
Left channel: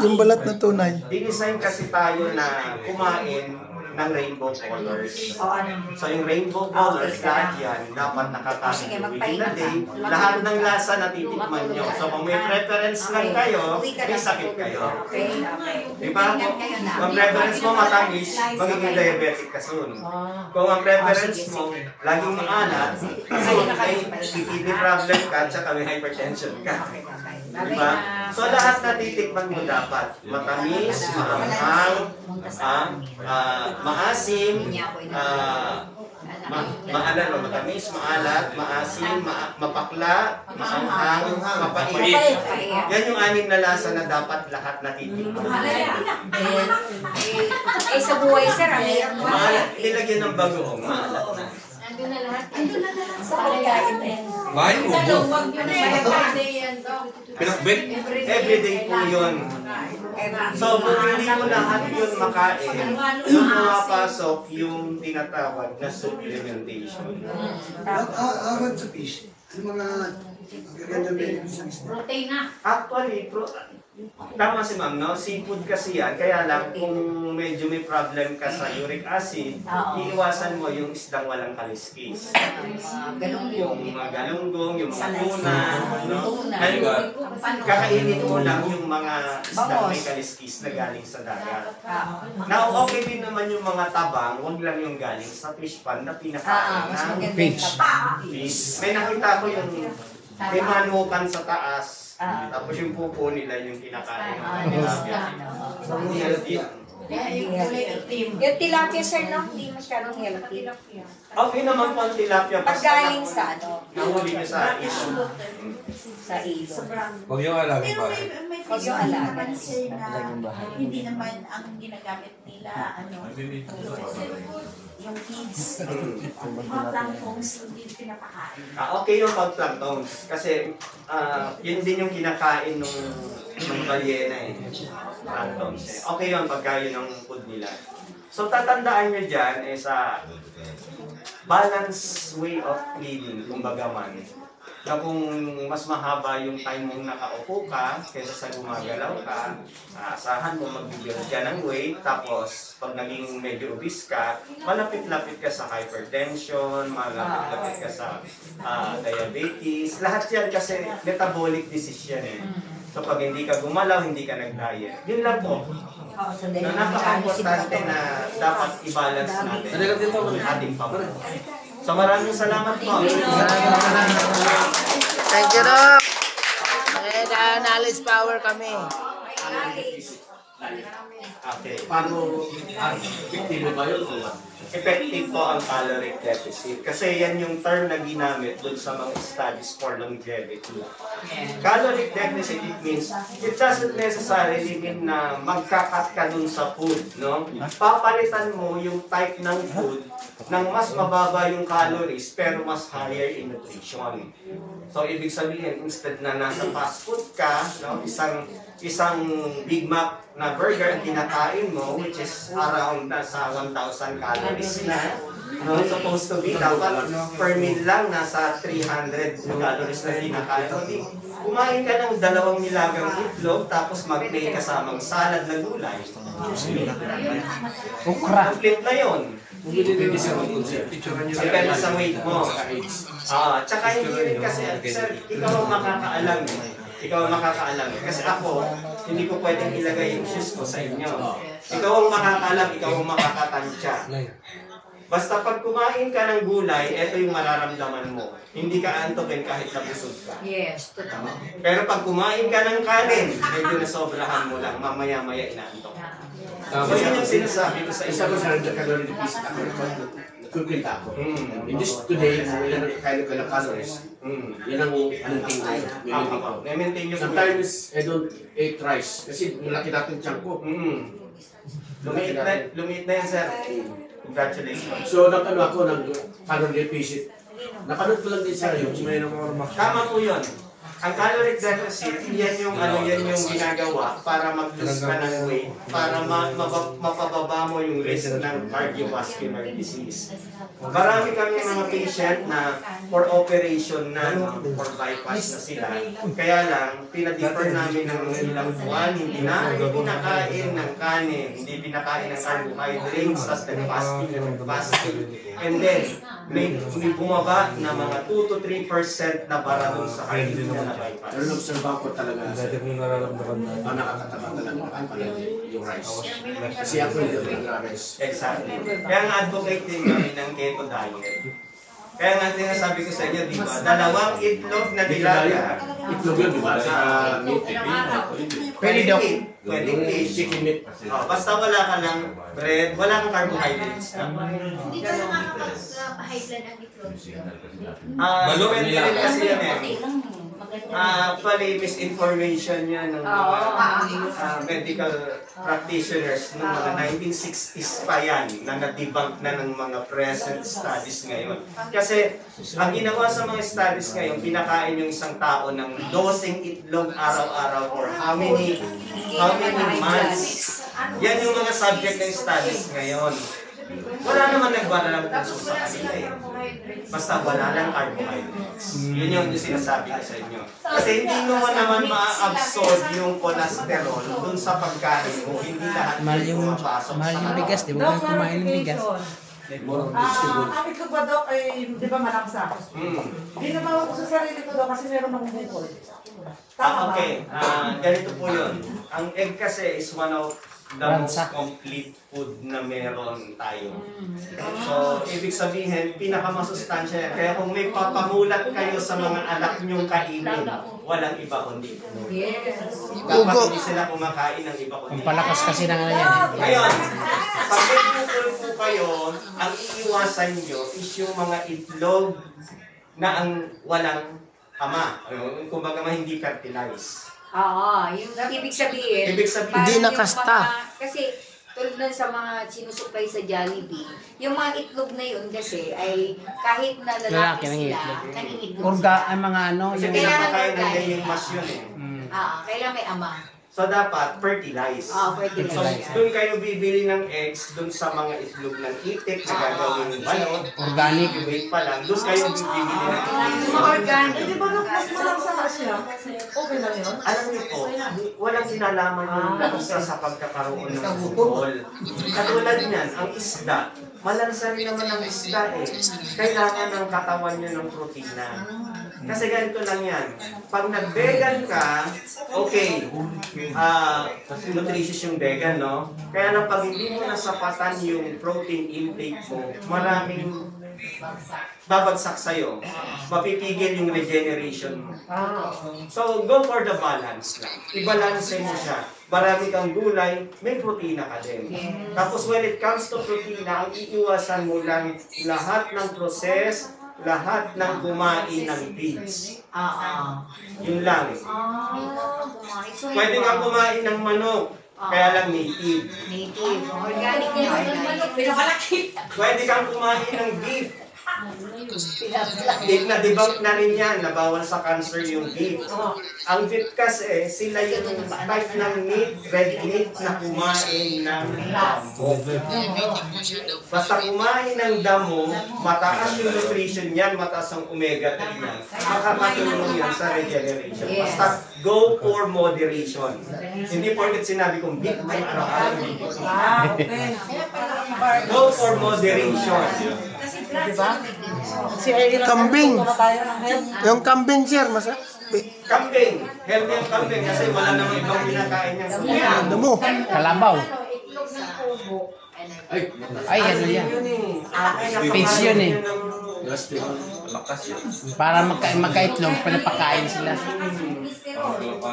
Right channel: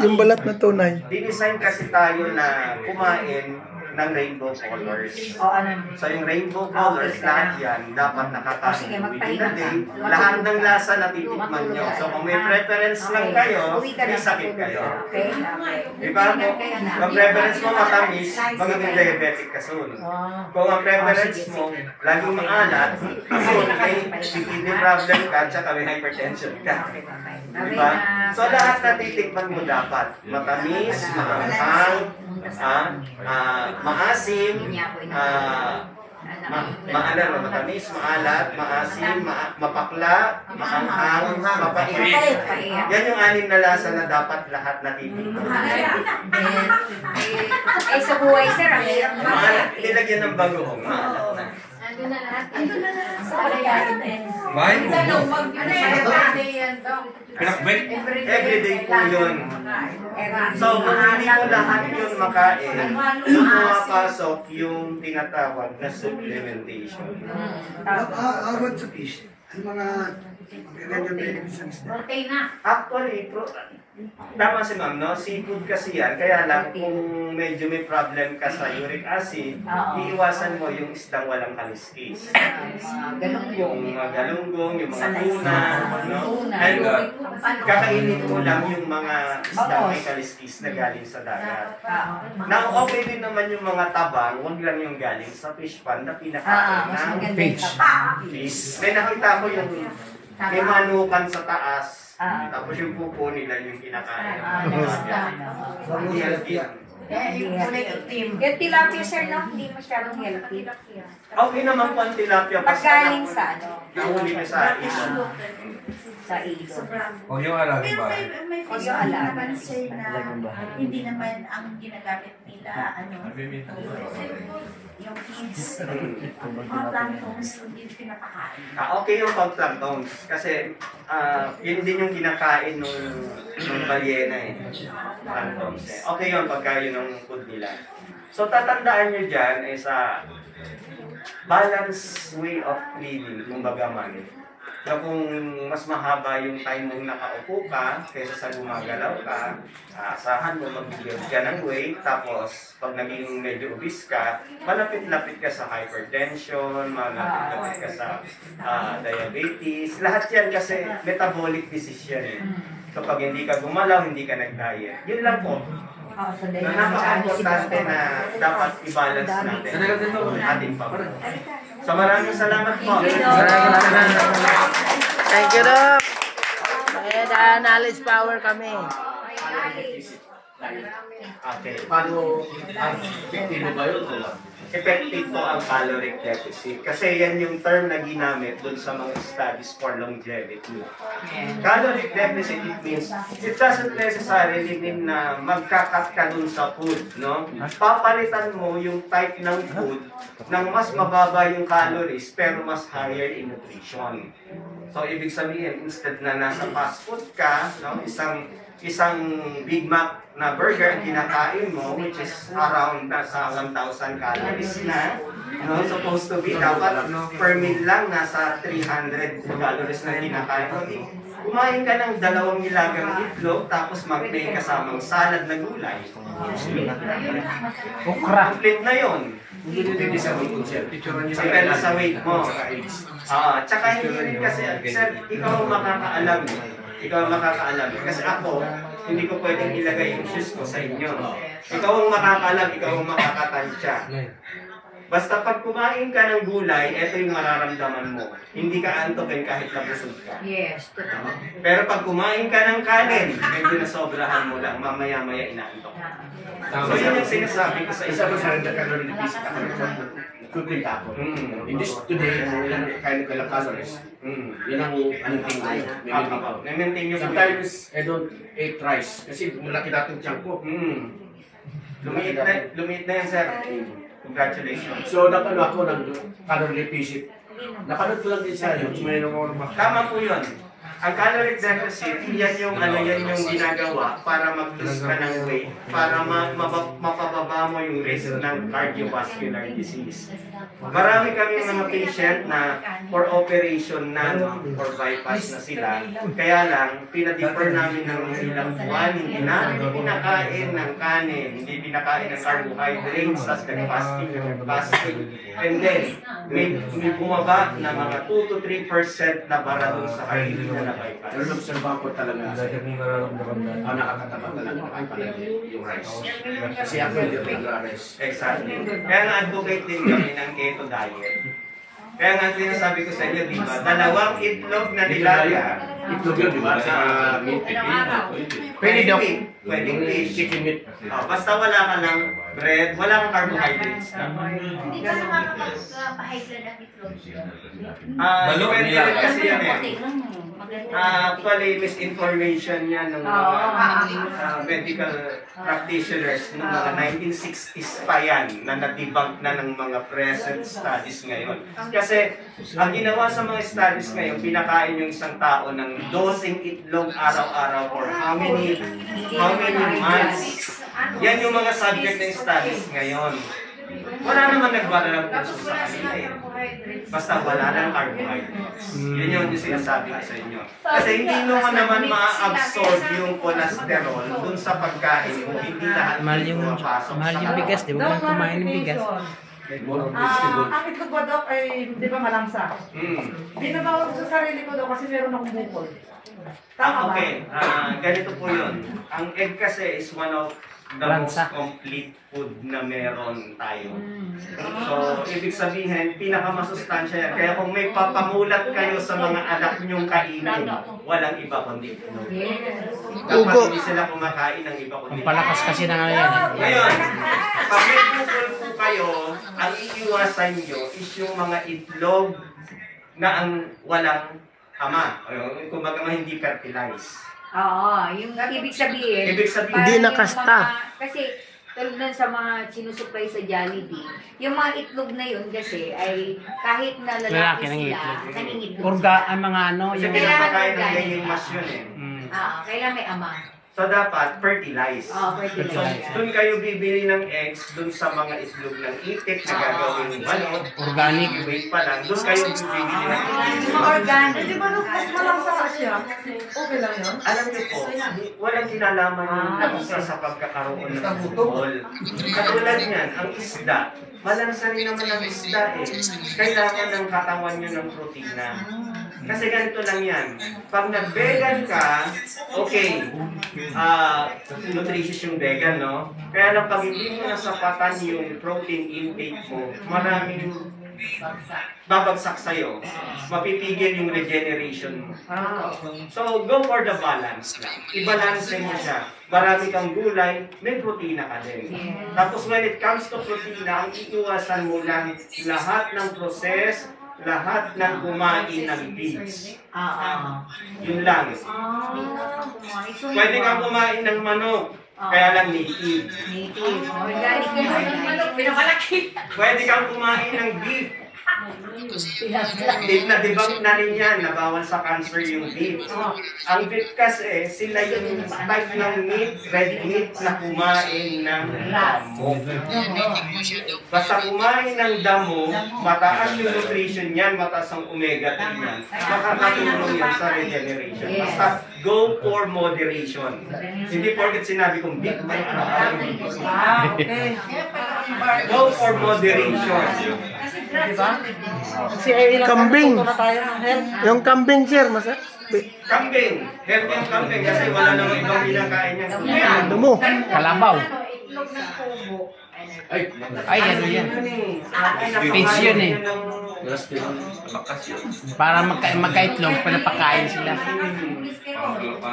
Yung balat na tunay. Dinesign kasi tayo na kumain ng rainbow colors. O ano? So yung rainbow colors, lahat yan, dapat Sige, nakakain within magpahinga the day. ka. Lahat ng lasa natitikman nyo. So kung may preference lang kayo, Uwi ka may na sa sakit tulog. kayo. Okay, okay. Di ba po, kung preference mo matamis, magiging diabetic ka soon. Kung ang preference mo, laging maalat, may kidney problem ka, tsaka may hypertension ka. Diba? So lahat natitikman mo dapat. Matamis, maanghang, maasim, matamis, maalat, maasim, mapakla, maanghang, mapait. Yan yung anim na lasa na dapat lahat natitikman. Eh, sa buhay, sir, ang hirap na. Maalat, nilagyan ng bagoong, maalat na. Nandun na lahat. Sa pagkain din. May ubo. Pinakbet? Everyday po yun. So, kung hindi mo lahat yun makain, doon pumapasok yung tinatawag na supplementation. How about sa fish? Yung mga magagandang benefits ng isda? Actually, tama si ma'am, no? Seafood kasi yan. Kaya lang, kung medyo may problem ka sa uric acid, iiwasan mo yung isdang walang kaliskis. Yung mga galunggong, yung mga tuna, no? Ay, kakainin mo lang yung mga isdang may kaliskis na galing sa dagat. Na okay din naman yung mga tabang, huwag lang yung galing sa fish pan na pinakain ng fish. May nakita ko yung may manukan sa taas. Tapos yung pupo nila yung kinakain. Hindi healthy. Yung tilapia, sir, no? Hindi masyadong healthy. Okay naman po ang tilapia. Pag galing sa ano? Nahuli na sa ilo. Sa ilo. Huwag yung alagin Pero ba? may Huwag fish yung naman alaga. sir na hindi naman ang ginagamit nila, yung feeds, mga planktons, hindi pinapakain. Okay yung pag-planktons. Kasi yun din yung kinakain ng balyena eh. Planktons eh. Okay yun pagka yun ang food nila. So tatandaan nyo dyan eh sa balanced way of living, kumbaga man. Na kung mas mahaba yung time mong nakaupo ka kaysa sa gumagalaw ka, asahan mo magbigyan ka ng weight, tapos pag naging medyo obese ka, malapit-lapit ka sa hypertension, malapit-lapit ka sa diabetes. Lahat yan kasi metabolic disease yan eh. So pag hindi ka gumalaw, hindi ka nag-diet. Yun lang po. Na napaka-importante na dapat i-balance natin ang ating pamilya. So maraming salamat po. Thank you, Doc. Knowledge power kami. Okay. Paano epektibo ba yun? Effective po ang caloric deficit. Kasi yan yung term na ginamit dun sa mga studies for longevity. Caloric deficit, it means, it doesn't necessarily mean na magkakat ka dun sa food, no? Papalitan mo yung type ng food ng mas mababa yung calories pero mas higher in nutrition. So, ibig sabihin, instead na nasa fast food ka, no, isang Big Mac na burger ang kinakain mo, which is around nasa 1,000 calories na, no, supposed to be, dapat per meal lang nasa 300 calories na kinakain mo. Kumain ka ng 2 nilagang itlog, tapos mag-play kasamang salad na gulay. Complete na yun. Depende sa weight concept. Depende sa weight mo. Tsaka hindi rin kasi, sir, ikaw ang makakaalam. Ikaw ang makakaalam. Kasi ako, hindi ko pwedeng ilagay yung shoes ko sa inyo. Ikaw ang makakaalam, ikaw ang makakatansya. Basta pag kumain ka ng gulay, ito yung mararamdaman mo. Hindi ka antokin kahit nabusog ka. Yes, totoo. Pero pag kumain ka ng kanin, medyo nasobrahan mo lang, mamaya-maya inaantok. So yun yung sinasabi ko sa Isa isa. ko sa calorie deficit ako. Nagkukwenta ako. In this today, kung ilan kailang calories, yan ang maintain ko. Maintain ko. Na-maintain yung Sometimes, I don't eat rice. Kasi malaki natin tiyan ko. Lumiit na yan, sir. Congratulations. So, nakano ako ng calorie deficit. Napanood ko lang din sa YouTube. Tama po yun. Ang caloric deficit, yan yung ginagawa para mag-lose ka ng weight, para mapababa mo yung risk ng cardiovascular disease. Marami kami mga patient na for operation na, for bypass na sila. Kaya lang, pinadefer namin ng ilang buwan, hindi na pinakain ng kanin, hindi pinakain ng carbohydrates, tapos nag-fasting. And then, may bumaba na mga 2 to 3% na bara dun sa kainin na bypass. Pero nobserba ko talaga, nakakataba talaga ang palagi yung rice. Kasi ako hindi ako nag-rice. Exactly. Kaya na-advocate din kami ng keto diet. Kaya nga sinasabi ko sa inyo, di ba? 2 itlog na nilaga. Itlog yun, di ba? Sa meat. Pwedeng meat. Pwedeng fish. Chicken meat. Basta wala ka ng bread, wala kang carbohydrates. Hindi ka nakakapag-high blood ang itlog. Depende rin kasi yan eh. Actually, misinformation yan ng mga medical practitioners noong mga 1960s pa yan na na-debunk na ng mga present studies ngayon. Kasi ang ginawa sa mga studies ngayon, pinakain yung isang tao ng 12 itlog araw-araw for how many months. Yan yung mga subject ng studies ngayon. Wala naman nagbalang puso sa kanila eh. Basta wala lang carbohydrates. Yun yung sinasabi ko sa inyo. Kasi hindi naman ma-absorb yung cholesterol dun sa pagkain mo. Hindi lahat Mahal yung pumapasok bigas, di ba? Kumain ng bigas. Ang itlog ba, Doc, ay di ba malamsa? Binabawa ko sa sarili ko, Doc, kasi meron akong bukol. Tama ba? Okay. Ganito po yun. Ang egg kasi is one of the most complete food na meron tayo. So, ibig sabihin, pinakamasustansya yan. Kaya kung may papamulat kayo sa mga anak nyong kainin, walang iba kundi. Dapat hindi sila kumakain ng iba kundi. Ang palakas kasi na nga yan. Ngayon, pag may bukol po kayo, ang iiwasan nyo is yung mga itlog na ang walang ama. Kumbaga hindi fertilized. Oo, yung ibig sabihin, Hindi nakasta. Kasi tulad nun sa mga sinusupply sa Jollibee, yung mga itlog na yun kasi ay kahit na lalaki sila, nangingitlog Ang mga ano, Kasi yung pinapakain ng ganyang mas yun eh. kailangan may ama. So dapat fertilize. Fertilize. So doon kayo bibili ng eggs doon sa mga itlog ng itik na gagawin balot. Organic. Wait pa lang. Doon kayo bibili ng itik. Organic. Di ba, Doc, mas malamsa ka siya? Okay lang yun? Alam niyo po, walang kinalaman yung isa sa pagkakaroon ng bukol. Katulad niyan, ang isda. Malansa rin naman ang isda eh. Kailangan ng katawan niyo ng protina. Kasi ganito lang yan. Pag nag-vegan ka, okay, nutritious yung vegan, no? Kaya lang pag hindi mo nasapatan yung protein intake mo, maraming babagsak sa'yo. Mapipigil yung regeneration mo. So, go for the balance lang. I-balance mo siya. Marami kang gulay, may protina ka din. Tapos when it comes to protina, ang iiwasan mo lang lahat ng process, lahat ng kumain ng beans. Yun lang. Pwede kang kumain ng manok, kaya lang native. Organic na Pwede kang kumain ng beef. Na-debunk na rin yan, na bawal sa cancer yung beef. Ang beef kasi, sila yung type ng meat, ready meat na kumain ng damo. Basta kumain ng damo, mataas yung nutrition yan, mataas ang omega-3 yan. Makakatulong yan sa regeneration. Basta go for moderation. Hindi porket sinabi kong beef, may araw-araw yung beef. Go for moderation. Diba? Kasi ilang Kambing. na tayo ng health. Yung kambing, sir, Kambing. Healthy ang kambing kasi wala namang ibang kinakain niyang kambing. Dumo. Kalabaw. itlog ng kubo. Ay, ano yan? Fish yun eh. Para magkaitlog, pinapakain sila.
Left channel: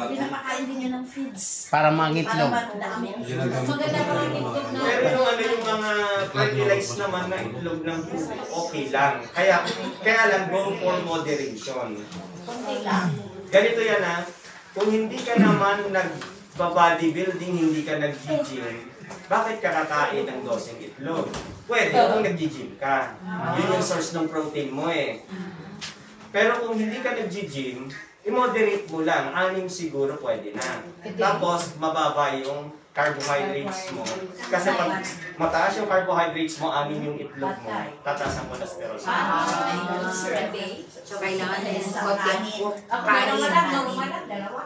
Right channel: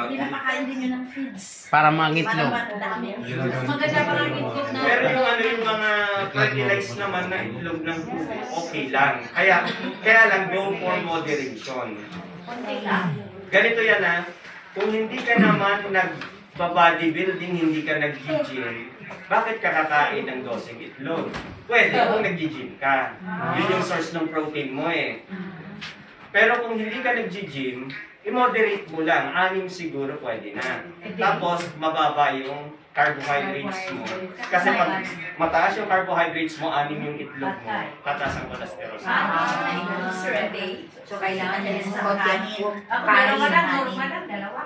Pinapakain din yun ng feeds. Para mangitlog. Maganda pa ang itlog na. Pero yung yung mga fertilized naman na itlog ng puso, okay lang. Kaya lang go for moderation. Ganito yan ha, kung hindi ka naman nag-bodybuilding, hindi ka nag-gym, bakit ka kakain ng 12 itlog? Pwede kung nag-gym ka. Yun yung source ng protein mo eh. Pero kung hindi ka nag-gym, i-moderate mo lang. 6 siguro pwede na. Tapos, mababa yung carbohydrates mo. Kasi pag mataas yung carbohydrates mo, 6 yung itlog mo, tataas ang cholesterol mo. So, kailangan niya yung konti Ako meron mo lang, normal lang, dalawa.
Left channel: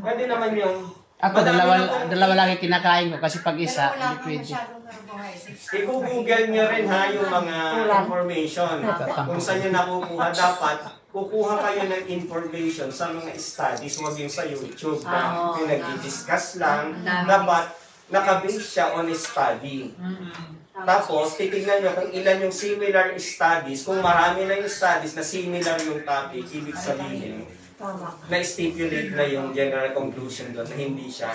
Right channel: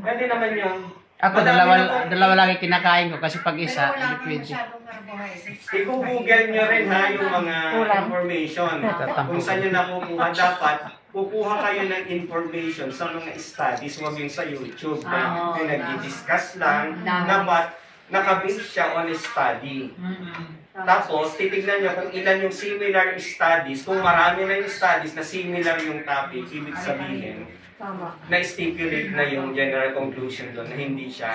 Pwede naman yung... Ako, dalawa lang yung kinakain ko kasi pag isa, Pero wala hindi kang pwede. masyadong carbohydrates. I-google nyo rin ha yung mga information. Kung saan nyo nakukuha, dapat kukuha kayo ng information sa mga studies, huwag yung sa YouTube. Yung nag-discuss lang, dapat nakabase siya on a study. Tapos, titignan nyo kung ilan yung similar studies. Kung marami na yung studies na similar yung topic, ibig sabihin, na-stipulate na yung general conclusion doon na hindi siya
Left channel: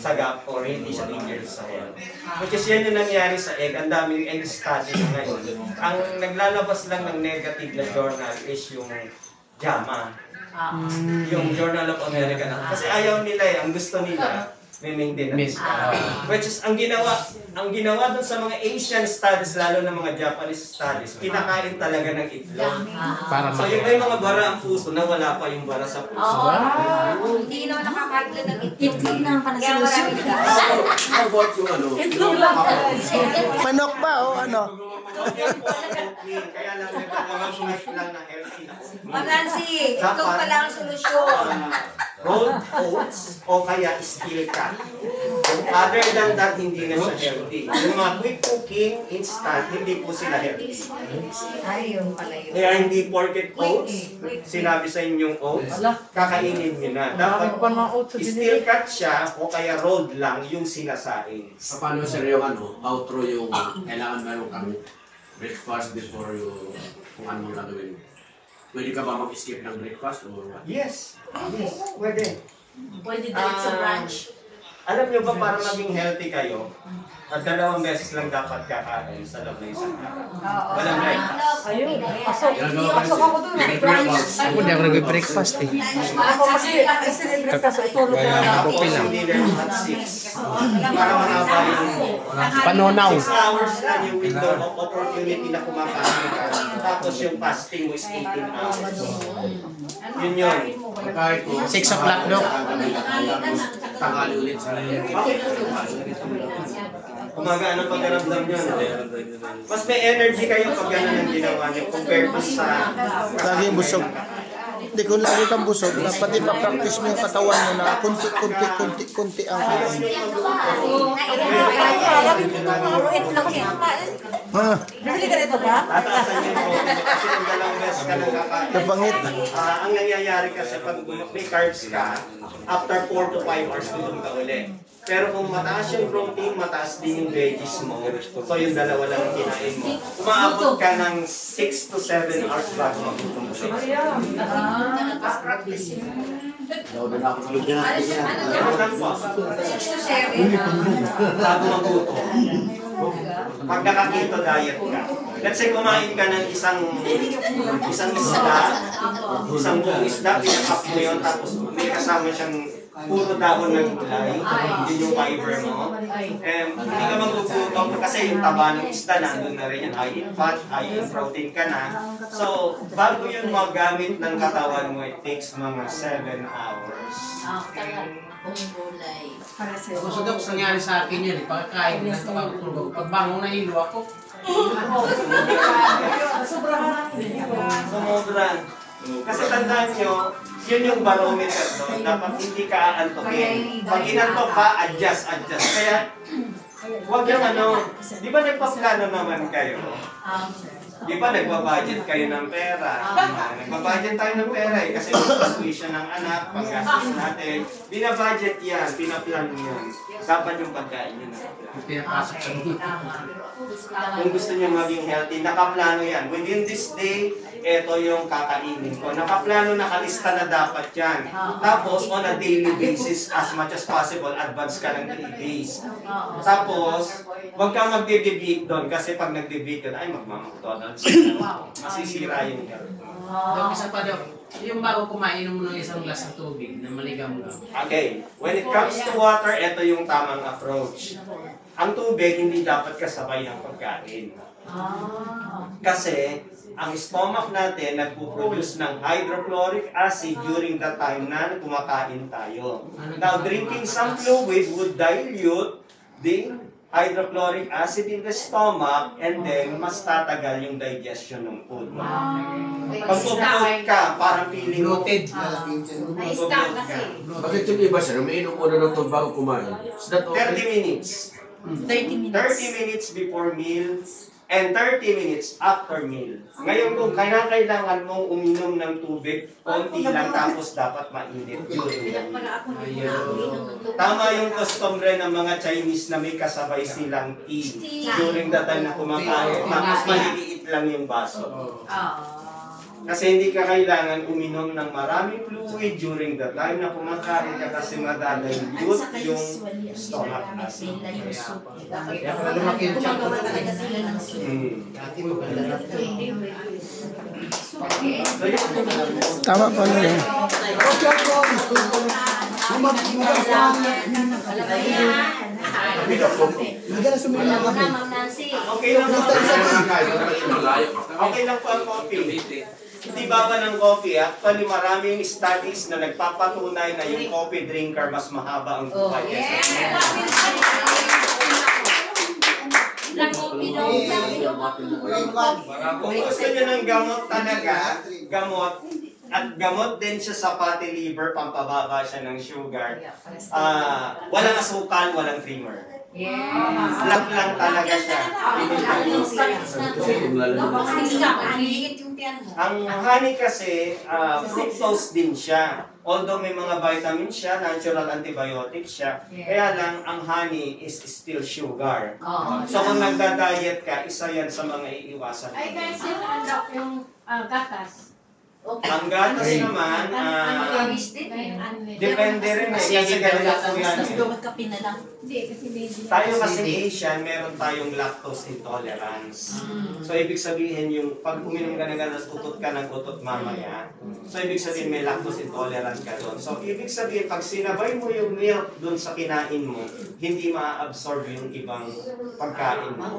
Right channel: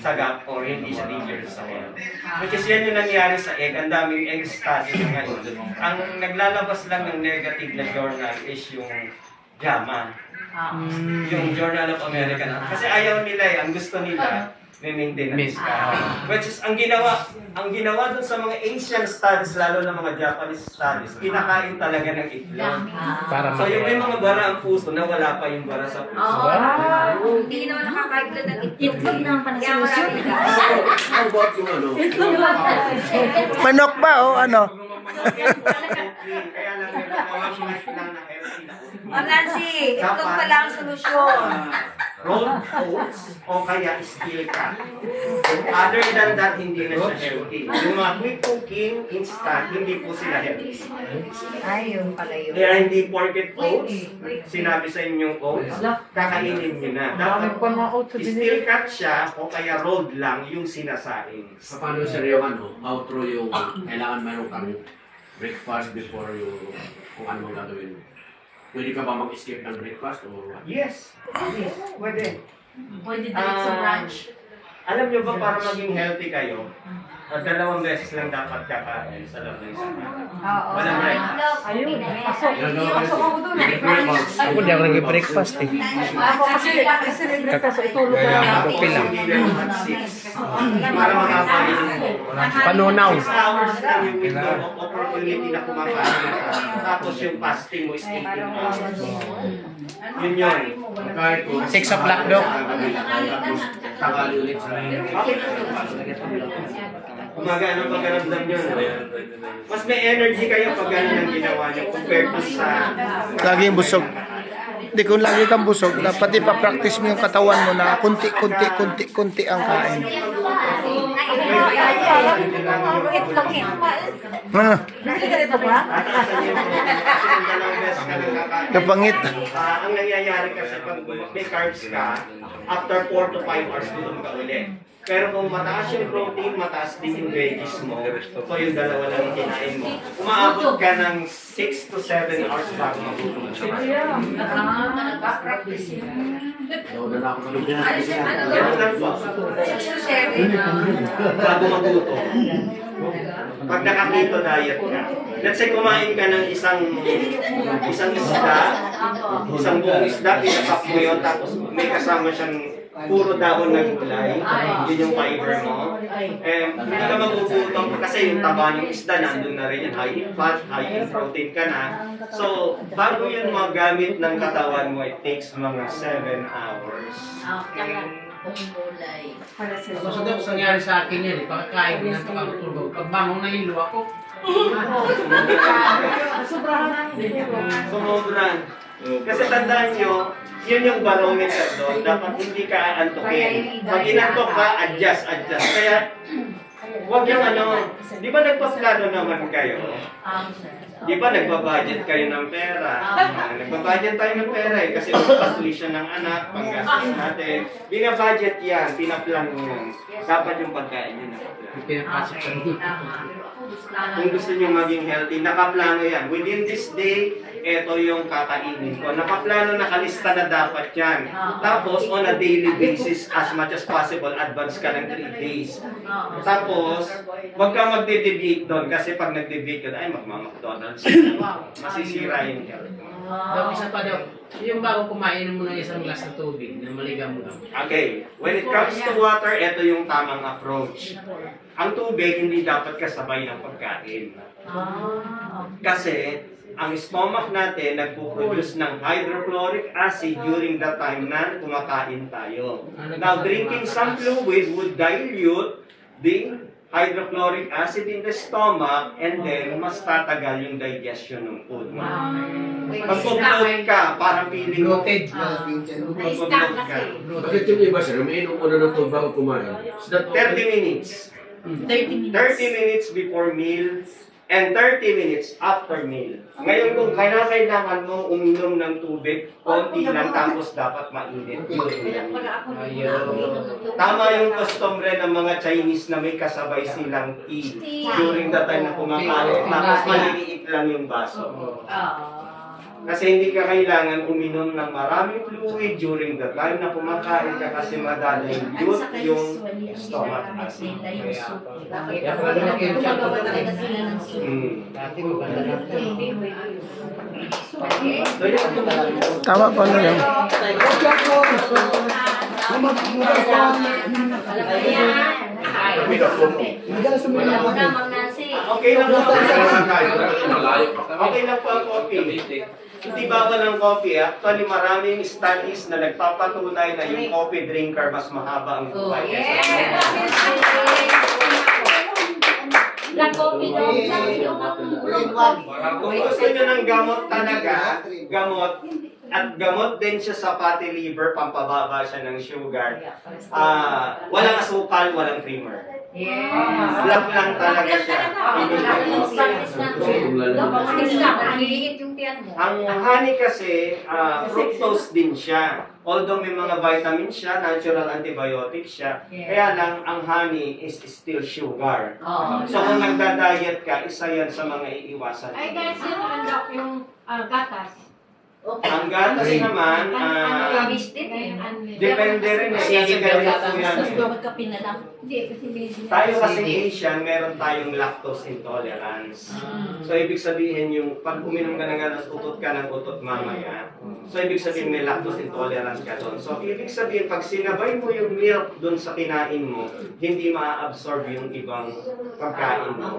sagap or hindi siya dangerous sa health. Which is yan yung nangyari sa egg. Ang daming egg study na ngayon. Ang naglalabas lang ng negative na journal is yung JAMA. Yung Journal of American. Kasi ayaw nila eh. Ang gusto nila, may maintenance ka. Which is, ang ginawa doon sa mga Asian studies, lalo na mga Japanese studies, pinakain talaga ng itlog. So yung may mga bara ang puso, nawala pa yung bara sa puso. Hindi naman nakakain lang ng itlog naman pa na solusyon. How about yung ano? Manok ba o ano? Kaya lang may mga lang na healthy. Nancy, itlog pala ang solusyon. Rolled oats o kaya steel cut. Other than that, hindi na siya healthy. Yung mga quick cooking, instant, hindi po sila healthy. Ayun pala yun. Kaya hindi porket oats, sinabi sa inyong oats, kakainin nyo na. Dapat steel cut siya o kaya rolled lang yung sinasain. Paano sir yung ano, outro yung kailangan meron kang breakfast before yung kung ano mang gagawin mo? Pwede ka ba mag-skip ng breakfast o what? Yes. Yes. Pwede. Pwede diretso brunch. Alam nyo ba para maging healthy kayo, 2 beses lang dapat kakain sa loob ng isang araw. Walang right. Ayun, pasok. Pasok ako doon. Ako di ako nag-breakfast eh. Ako kasi may breakfast, itulog ko lang ako. Kopi lang. Para mahaba yung Panunaw. 6 hours lang yung window of opportunity na kumakain ka. Tapos yung fasting mo is 18 hours. Yun yun. 6 o'clock daw. Tangali ulit sa Umaga, ano pagkaramdam nyo? Mas may energy kayo pag gano'n ang ginawa nyo compared to sa... Laging busog. Hindi kung lagi kang busog, dapat ipapractice mo yung katawan mo na kunti ang kain. Bibili ka dito ba? Kapangit. Ang nangyayari kasi pag may carbs ka, after 4 to 5 hours tulog ka ulit. Pero kung mataas yung protein, mataas din yung veggies mo. So yung dalawa lang yung kinain mo. Umaabot ka ng 6 to 7 hours bago magutom. Bago magutom. Pag naka-keto diet ka, let's say kumain ka ng isang isda, isang buong isda, pinasap mo yun, tapos may kasama siyang puro dahon ng gulay, yun yung fiber mo. Hindi ka magugutom kasi yung taba ng isda, nandun na rin yan, high in fat, high in protein ka na. So, bago yun magamit ng katawan mo, it takes mga 7 hours. Gusto daw kung nangyari sa akin yun, pagkakain ng kapag-tulog. Pagbangon na hilo ako. Sumobra. Kasi tandaan nyo, yun yung barometer doon. Dapat hindi ka aantukin. Pag inantok ka, adjust. Kaya, huwag yung di ba nagpaplano naman kayo? Di ba nagbabudget kayo ng pera? Nagbabudget tayo ng pera eh. Kasi pag-tuition ng anak, pag-gastos natin. Binabudget yan, pinaplan mo yan. Dapat yung pagkain nyo na. Pinapasok sa dito. Kung gusto nyo maging healthy, nakaplano yan. Within this day, ito yung kakainin ko. Nakaplano, nakalista na dapat yan. Tapos, on a daily basis, as much as possible, advance ka ng 3 days. Tapos, huwag kang magde-deviate doon. Kasi pag nag-deviate ka, ay magmamakutotan. Masisira yung health. Daw, isa pa daw. Yung bago kumain mo ng isang glass ng tubig na maligam lang. Okay, when it comes to water, ito yung tamang approach. ang tubig hindi dapat kasabay ng pagkain. Kasi ang stomach natin nagpo-produce ng hydrochloric acid during the time na kumakain tayo. Now, drinking some fluid would dilute the hydrochloric acid in the stomach and then mas tatagal yung digestion ng food mo. Pag bloat ka, parang feeling mo. Na-stuck kasi. Bakit yung iba sir, umiinom muna ng tubig bago kumain? Is that 30 okay? minutes. 30 minutes. 30 minutes before meal and 30 minutes after meal. Ngayon kung kailangan mong uminom ng tubig, konti lang tapos dapat mainit. Tama yung customary ng mga Chinese na may kasabay silang tea during the time na kumakain. Tapos maliliit lang yung baso. Kasi hindi ka kailangan uminom ng maraming fluid during the time na kumakain ka kasi madadilute yung stomach acid. Tama pa na yun. Okay lang po. Okay lang po ang coffee. Hindi bawal ng coffee. Actually, maraming studies na nagpapatunay na yung coffee drinker mas mahaba ang buhay. Kung gusto nyo ng gamot talaga, gamot din siya sa fatty liver, pampababa siya ng sugar. Walang asukal, walang creamer. Black lang talaga siya. Ang honey kasi, fructose din siya. Although may mga vitamin siya, natural antibiotic siya, kaya lang ang honey is still sugar. So kung nagda-diet ka, isa yan sa mga iiwasan. Ay guys, yung gatas. Ang gatas naman, depende rin eh. Kasi ganito po yan eh. Tayo kasi Asian, meron tayong lactose intolerance. So ibig sabihin yung pag uminom ka ng gatas, utot ka ng utot mamaya. So ibig sabihin may lactose intolerance ka doon. So ibig sabihin pag sinabay mo yung milk doon sa kinain mo, hindi ma-absorb yung ibang pagkain mo.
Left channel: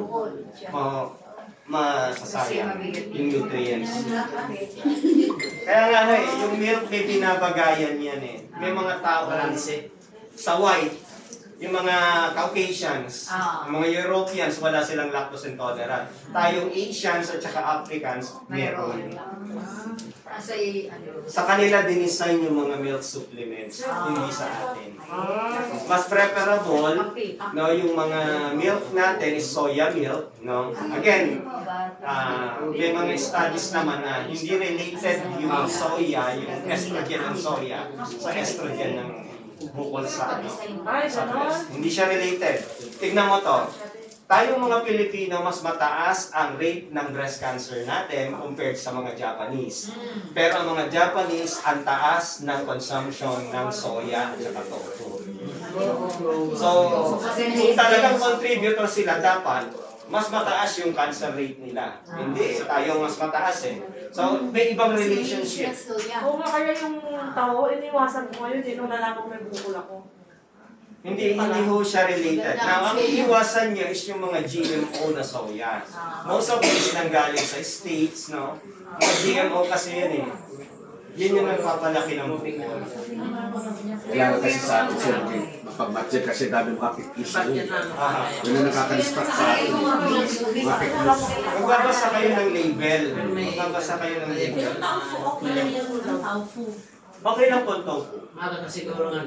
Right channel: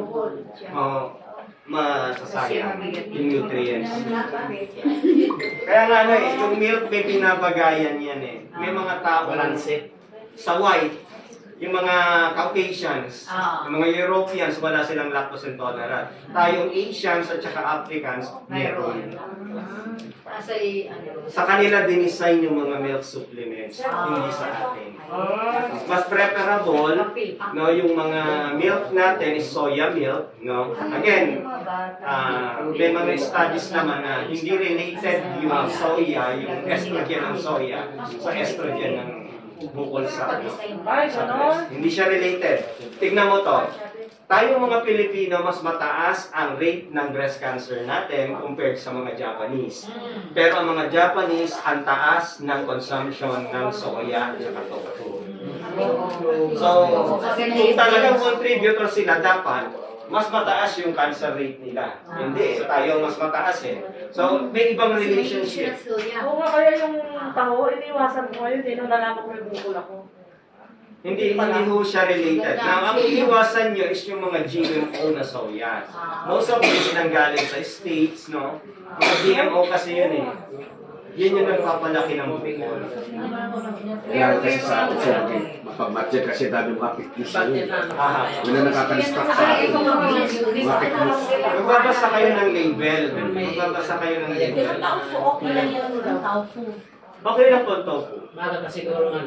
Masasayang yung nutrients. Kaya nga yung milk may pinabagayan yan eh. May mga tao sa white, yung mga Caucasians, yung mga Europeans, wala silang lactose intolerant. Tayong Asians at saka Africans, meron. Sa kanila dinesign yung mga milk supplements, hindi sa atin. Mas preferable, no, yung mga milk natin is soya milk, no. Again, may mga studies naman na hindi related yung soya, yung estrogen ng soya, sa estrogen ng bukol sa ano. Hindi siya related. Tignan mo to. Tayong mga Pilipino, mas mataas ang rate ng breast cancer natin compared sa mga Japanese. Pero ang mga Japanese, ang taas ng consumption ng soya at saka tofu. So, kung talagang contributor sila, dapat mas mataas yung cancer rate nila. Hindi, tayong mas mataas eh. So, may ibang relationship. Kung nga kaya yung taho, iniwasan ko ngayon, hindi na lang may bukol ako. Hindi ho siya related. Now, ang iiwasan nyo is yung mga GMO na soya. Most of this nanggaling sa States, no? Mga GMO kasi yun eh. Yun yung nagpapalaki ng bukol. Kaya kasi sa atin sir, mapag-budget kasi dami mga pictures na yun. Yun na nakaka-distract sa atin. Mga pictures. Magbabasa kayo ng label. Magbabasa kayo ng label. Okay lang yung tofu. Okay lang po tofu. Siguro nga.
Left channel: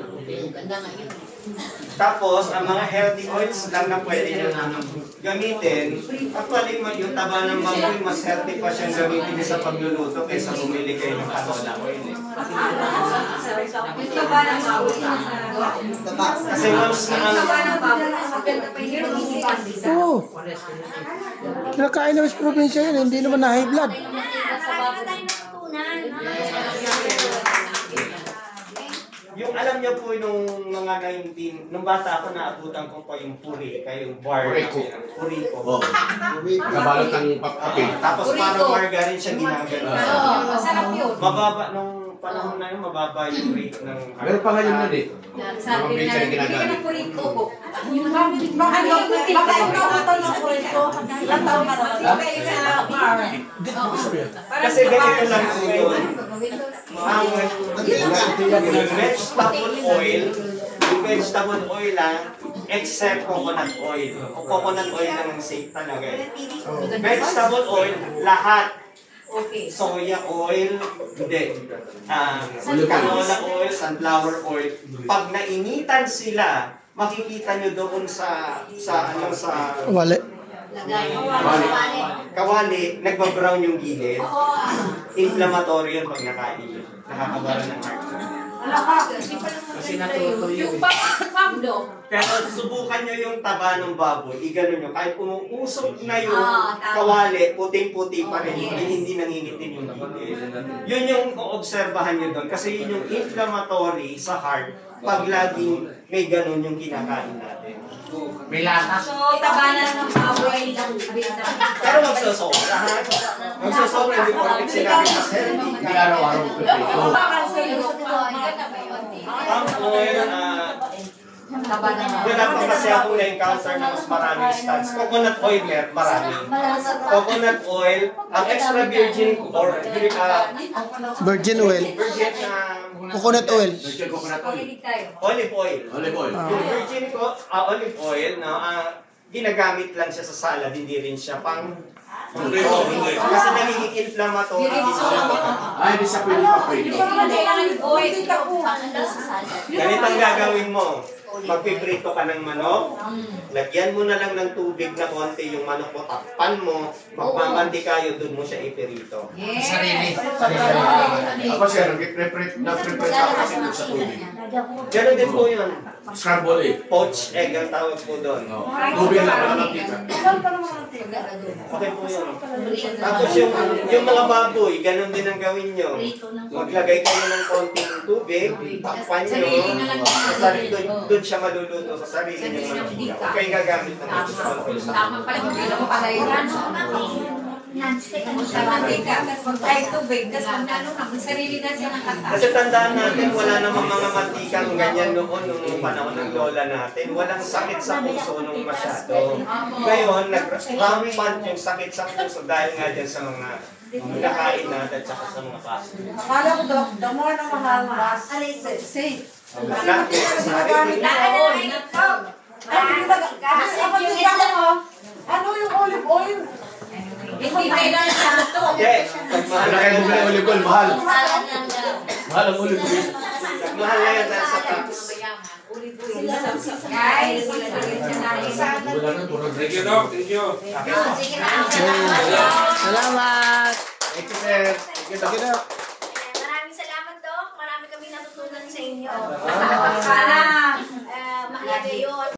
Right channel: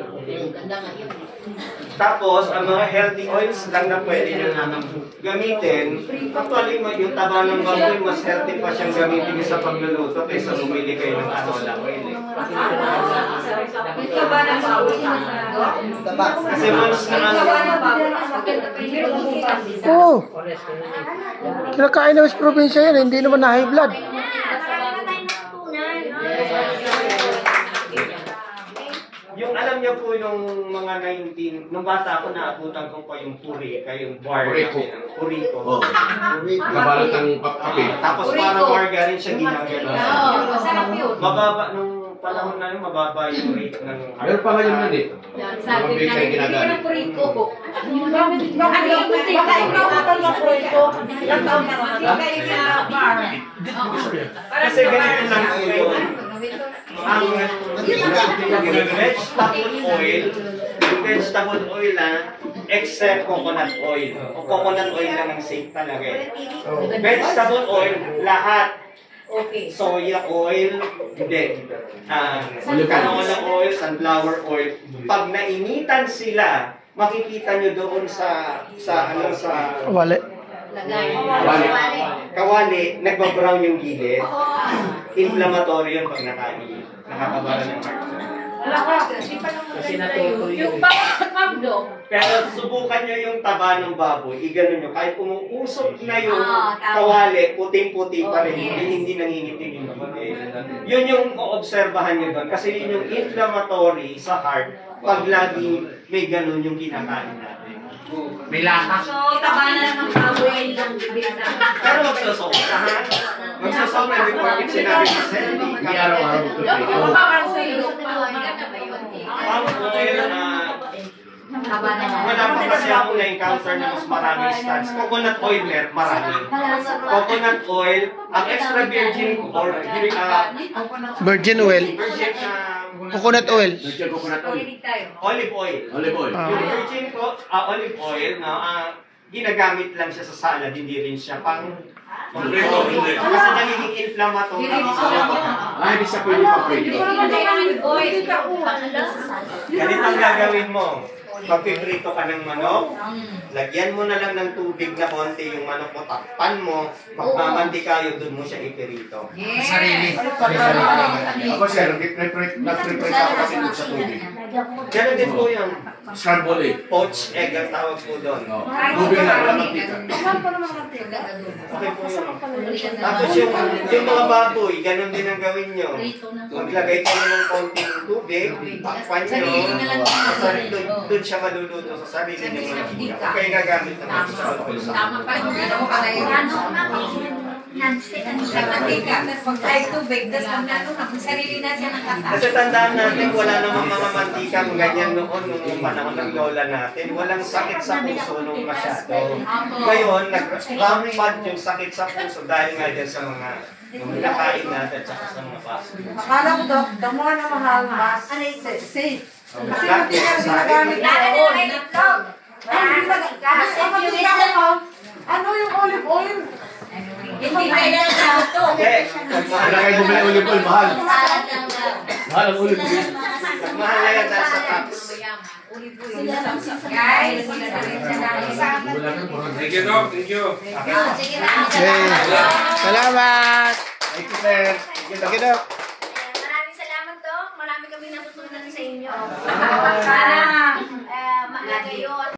Tapos, ang mga healthy oils lang na pwede nyo gamitin. Actually, yung taba ng baboy, mas healthy pa siyang gamitin sa pagluluto kaysa bumili kayo ng canola oil. Kasi once na Oo. Kinakain naman sa probinsya yan, hindi naman na high blood. yung alam niyo po nung mga 19, nung bata ako naabutan ko pa yung purika, yung bar. Puriko. Oo. Kabalot ng kape. Tapos parang margarine siya ginagano. Masarap yun. Mababa nung panahon na yun, mababa yung rate ng... Meron pa ngayon yun eh. Sabi na, hindi na puriko. Baka ikaw natanong ko ito. Ilang taon ka naman? Kasi ganito lang po ngayon. Ang vegetable oil except coconut oil. O coconut oil lang ang safe talaga eh. Vegetable oil, lahat. Soya oil, hindi. Canola oil, sunflower oil. Pag nainitan sila, makikita nyo doon sa Wala. kawali, nagbabrown yung gilid. Inflammatory yun pag nakakabara ng heart. Kasi natutuyo. Yung pagdo. Pero subukan nyo yung taba ng baboy, iganon nyo. Kahit umuusok na yung kawali, puting-puti pa rin, hindi nangingitim yung gilid. Yun yung obserbahan nyo doon. Kasi yun yung inflammatory sa heart pag laging may ganon yung kinakain natin. May lasa. So, taba na ng baboy lang. Pero magsusok ka, ha? Magsusok na before it sinabi kasi hindi araw-araw ito. Palm oil, wala pa kasi ako na-encounter na mas maraming stats. Coconut oil, marami. Coconut oil, ang extra virgin or Virgin oil. virgin Coconut oil. olive oil. Olive oil. Yung virgin olive oil na ginagamit lang siya sa salad, hindi rin siya pang kasi nagiging inflammatory. Ay, di sa pwede pa pwede. Ganito ang gagawin mo. Pagpiprito ka ng manok, lagyan mo na lang ng tubig na konti yung manok mo, takpan mo, magmamanti kayo, doon mo siya ipirito. Sarili. Ako sir, nag-prepare ako kasi doon sa tubig. Ganun din po yun. Scramble egg. Poached egg ang tawag po doon. Tubig lang lang ang tika. Okay po yun. Tapos yung mga baboy, ganun din ang gawin nyo. Maglagay kayo ng konting tubig, takpan nyo, doon siya maluluto sa sarili ng mantika. Huwag kayo gagamit ng Tama pa rin. Pero mo pala yun. Kahit tubig, tapos sarili na siya ng kata. Kasi tandaan natin, wala namang mga mantikang ganyan noon nung panahon ng lola natin. Walang sakit sa puso nung masyado. Ngayon, nag-rampant yung sakit sa puso dahil nga dyan sa mga nakain natin sa mga kaso. Akala ko, Dok, damo na mahal, mas safe. Kasi hindi ka rin ginagamit na oil. Ano yung olive oil? Hindi pwede na ito. Ilagay mo na olive oil, mahal. Mahal ang olive oil. Mahal na yan dahil sa tax. Guys, Thank you, Doc. Thank you. sige na. Okay. Salamat. Thank you, sir. Thank you, Doc. Maraming salamat, Dok. Marami kami natutunan sa inyo.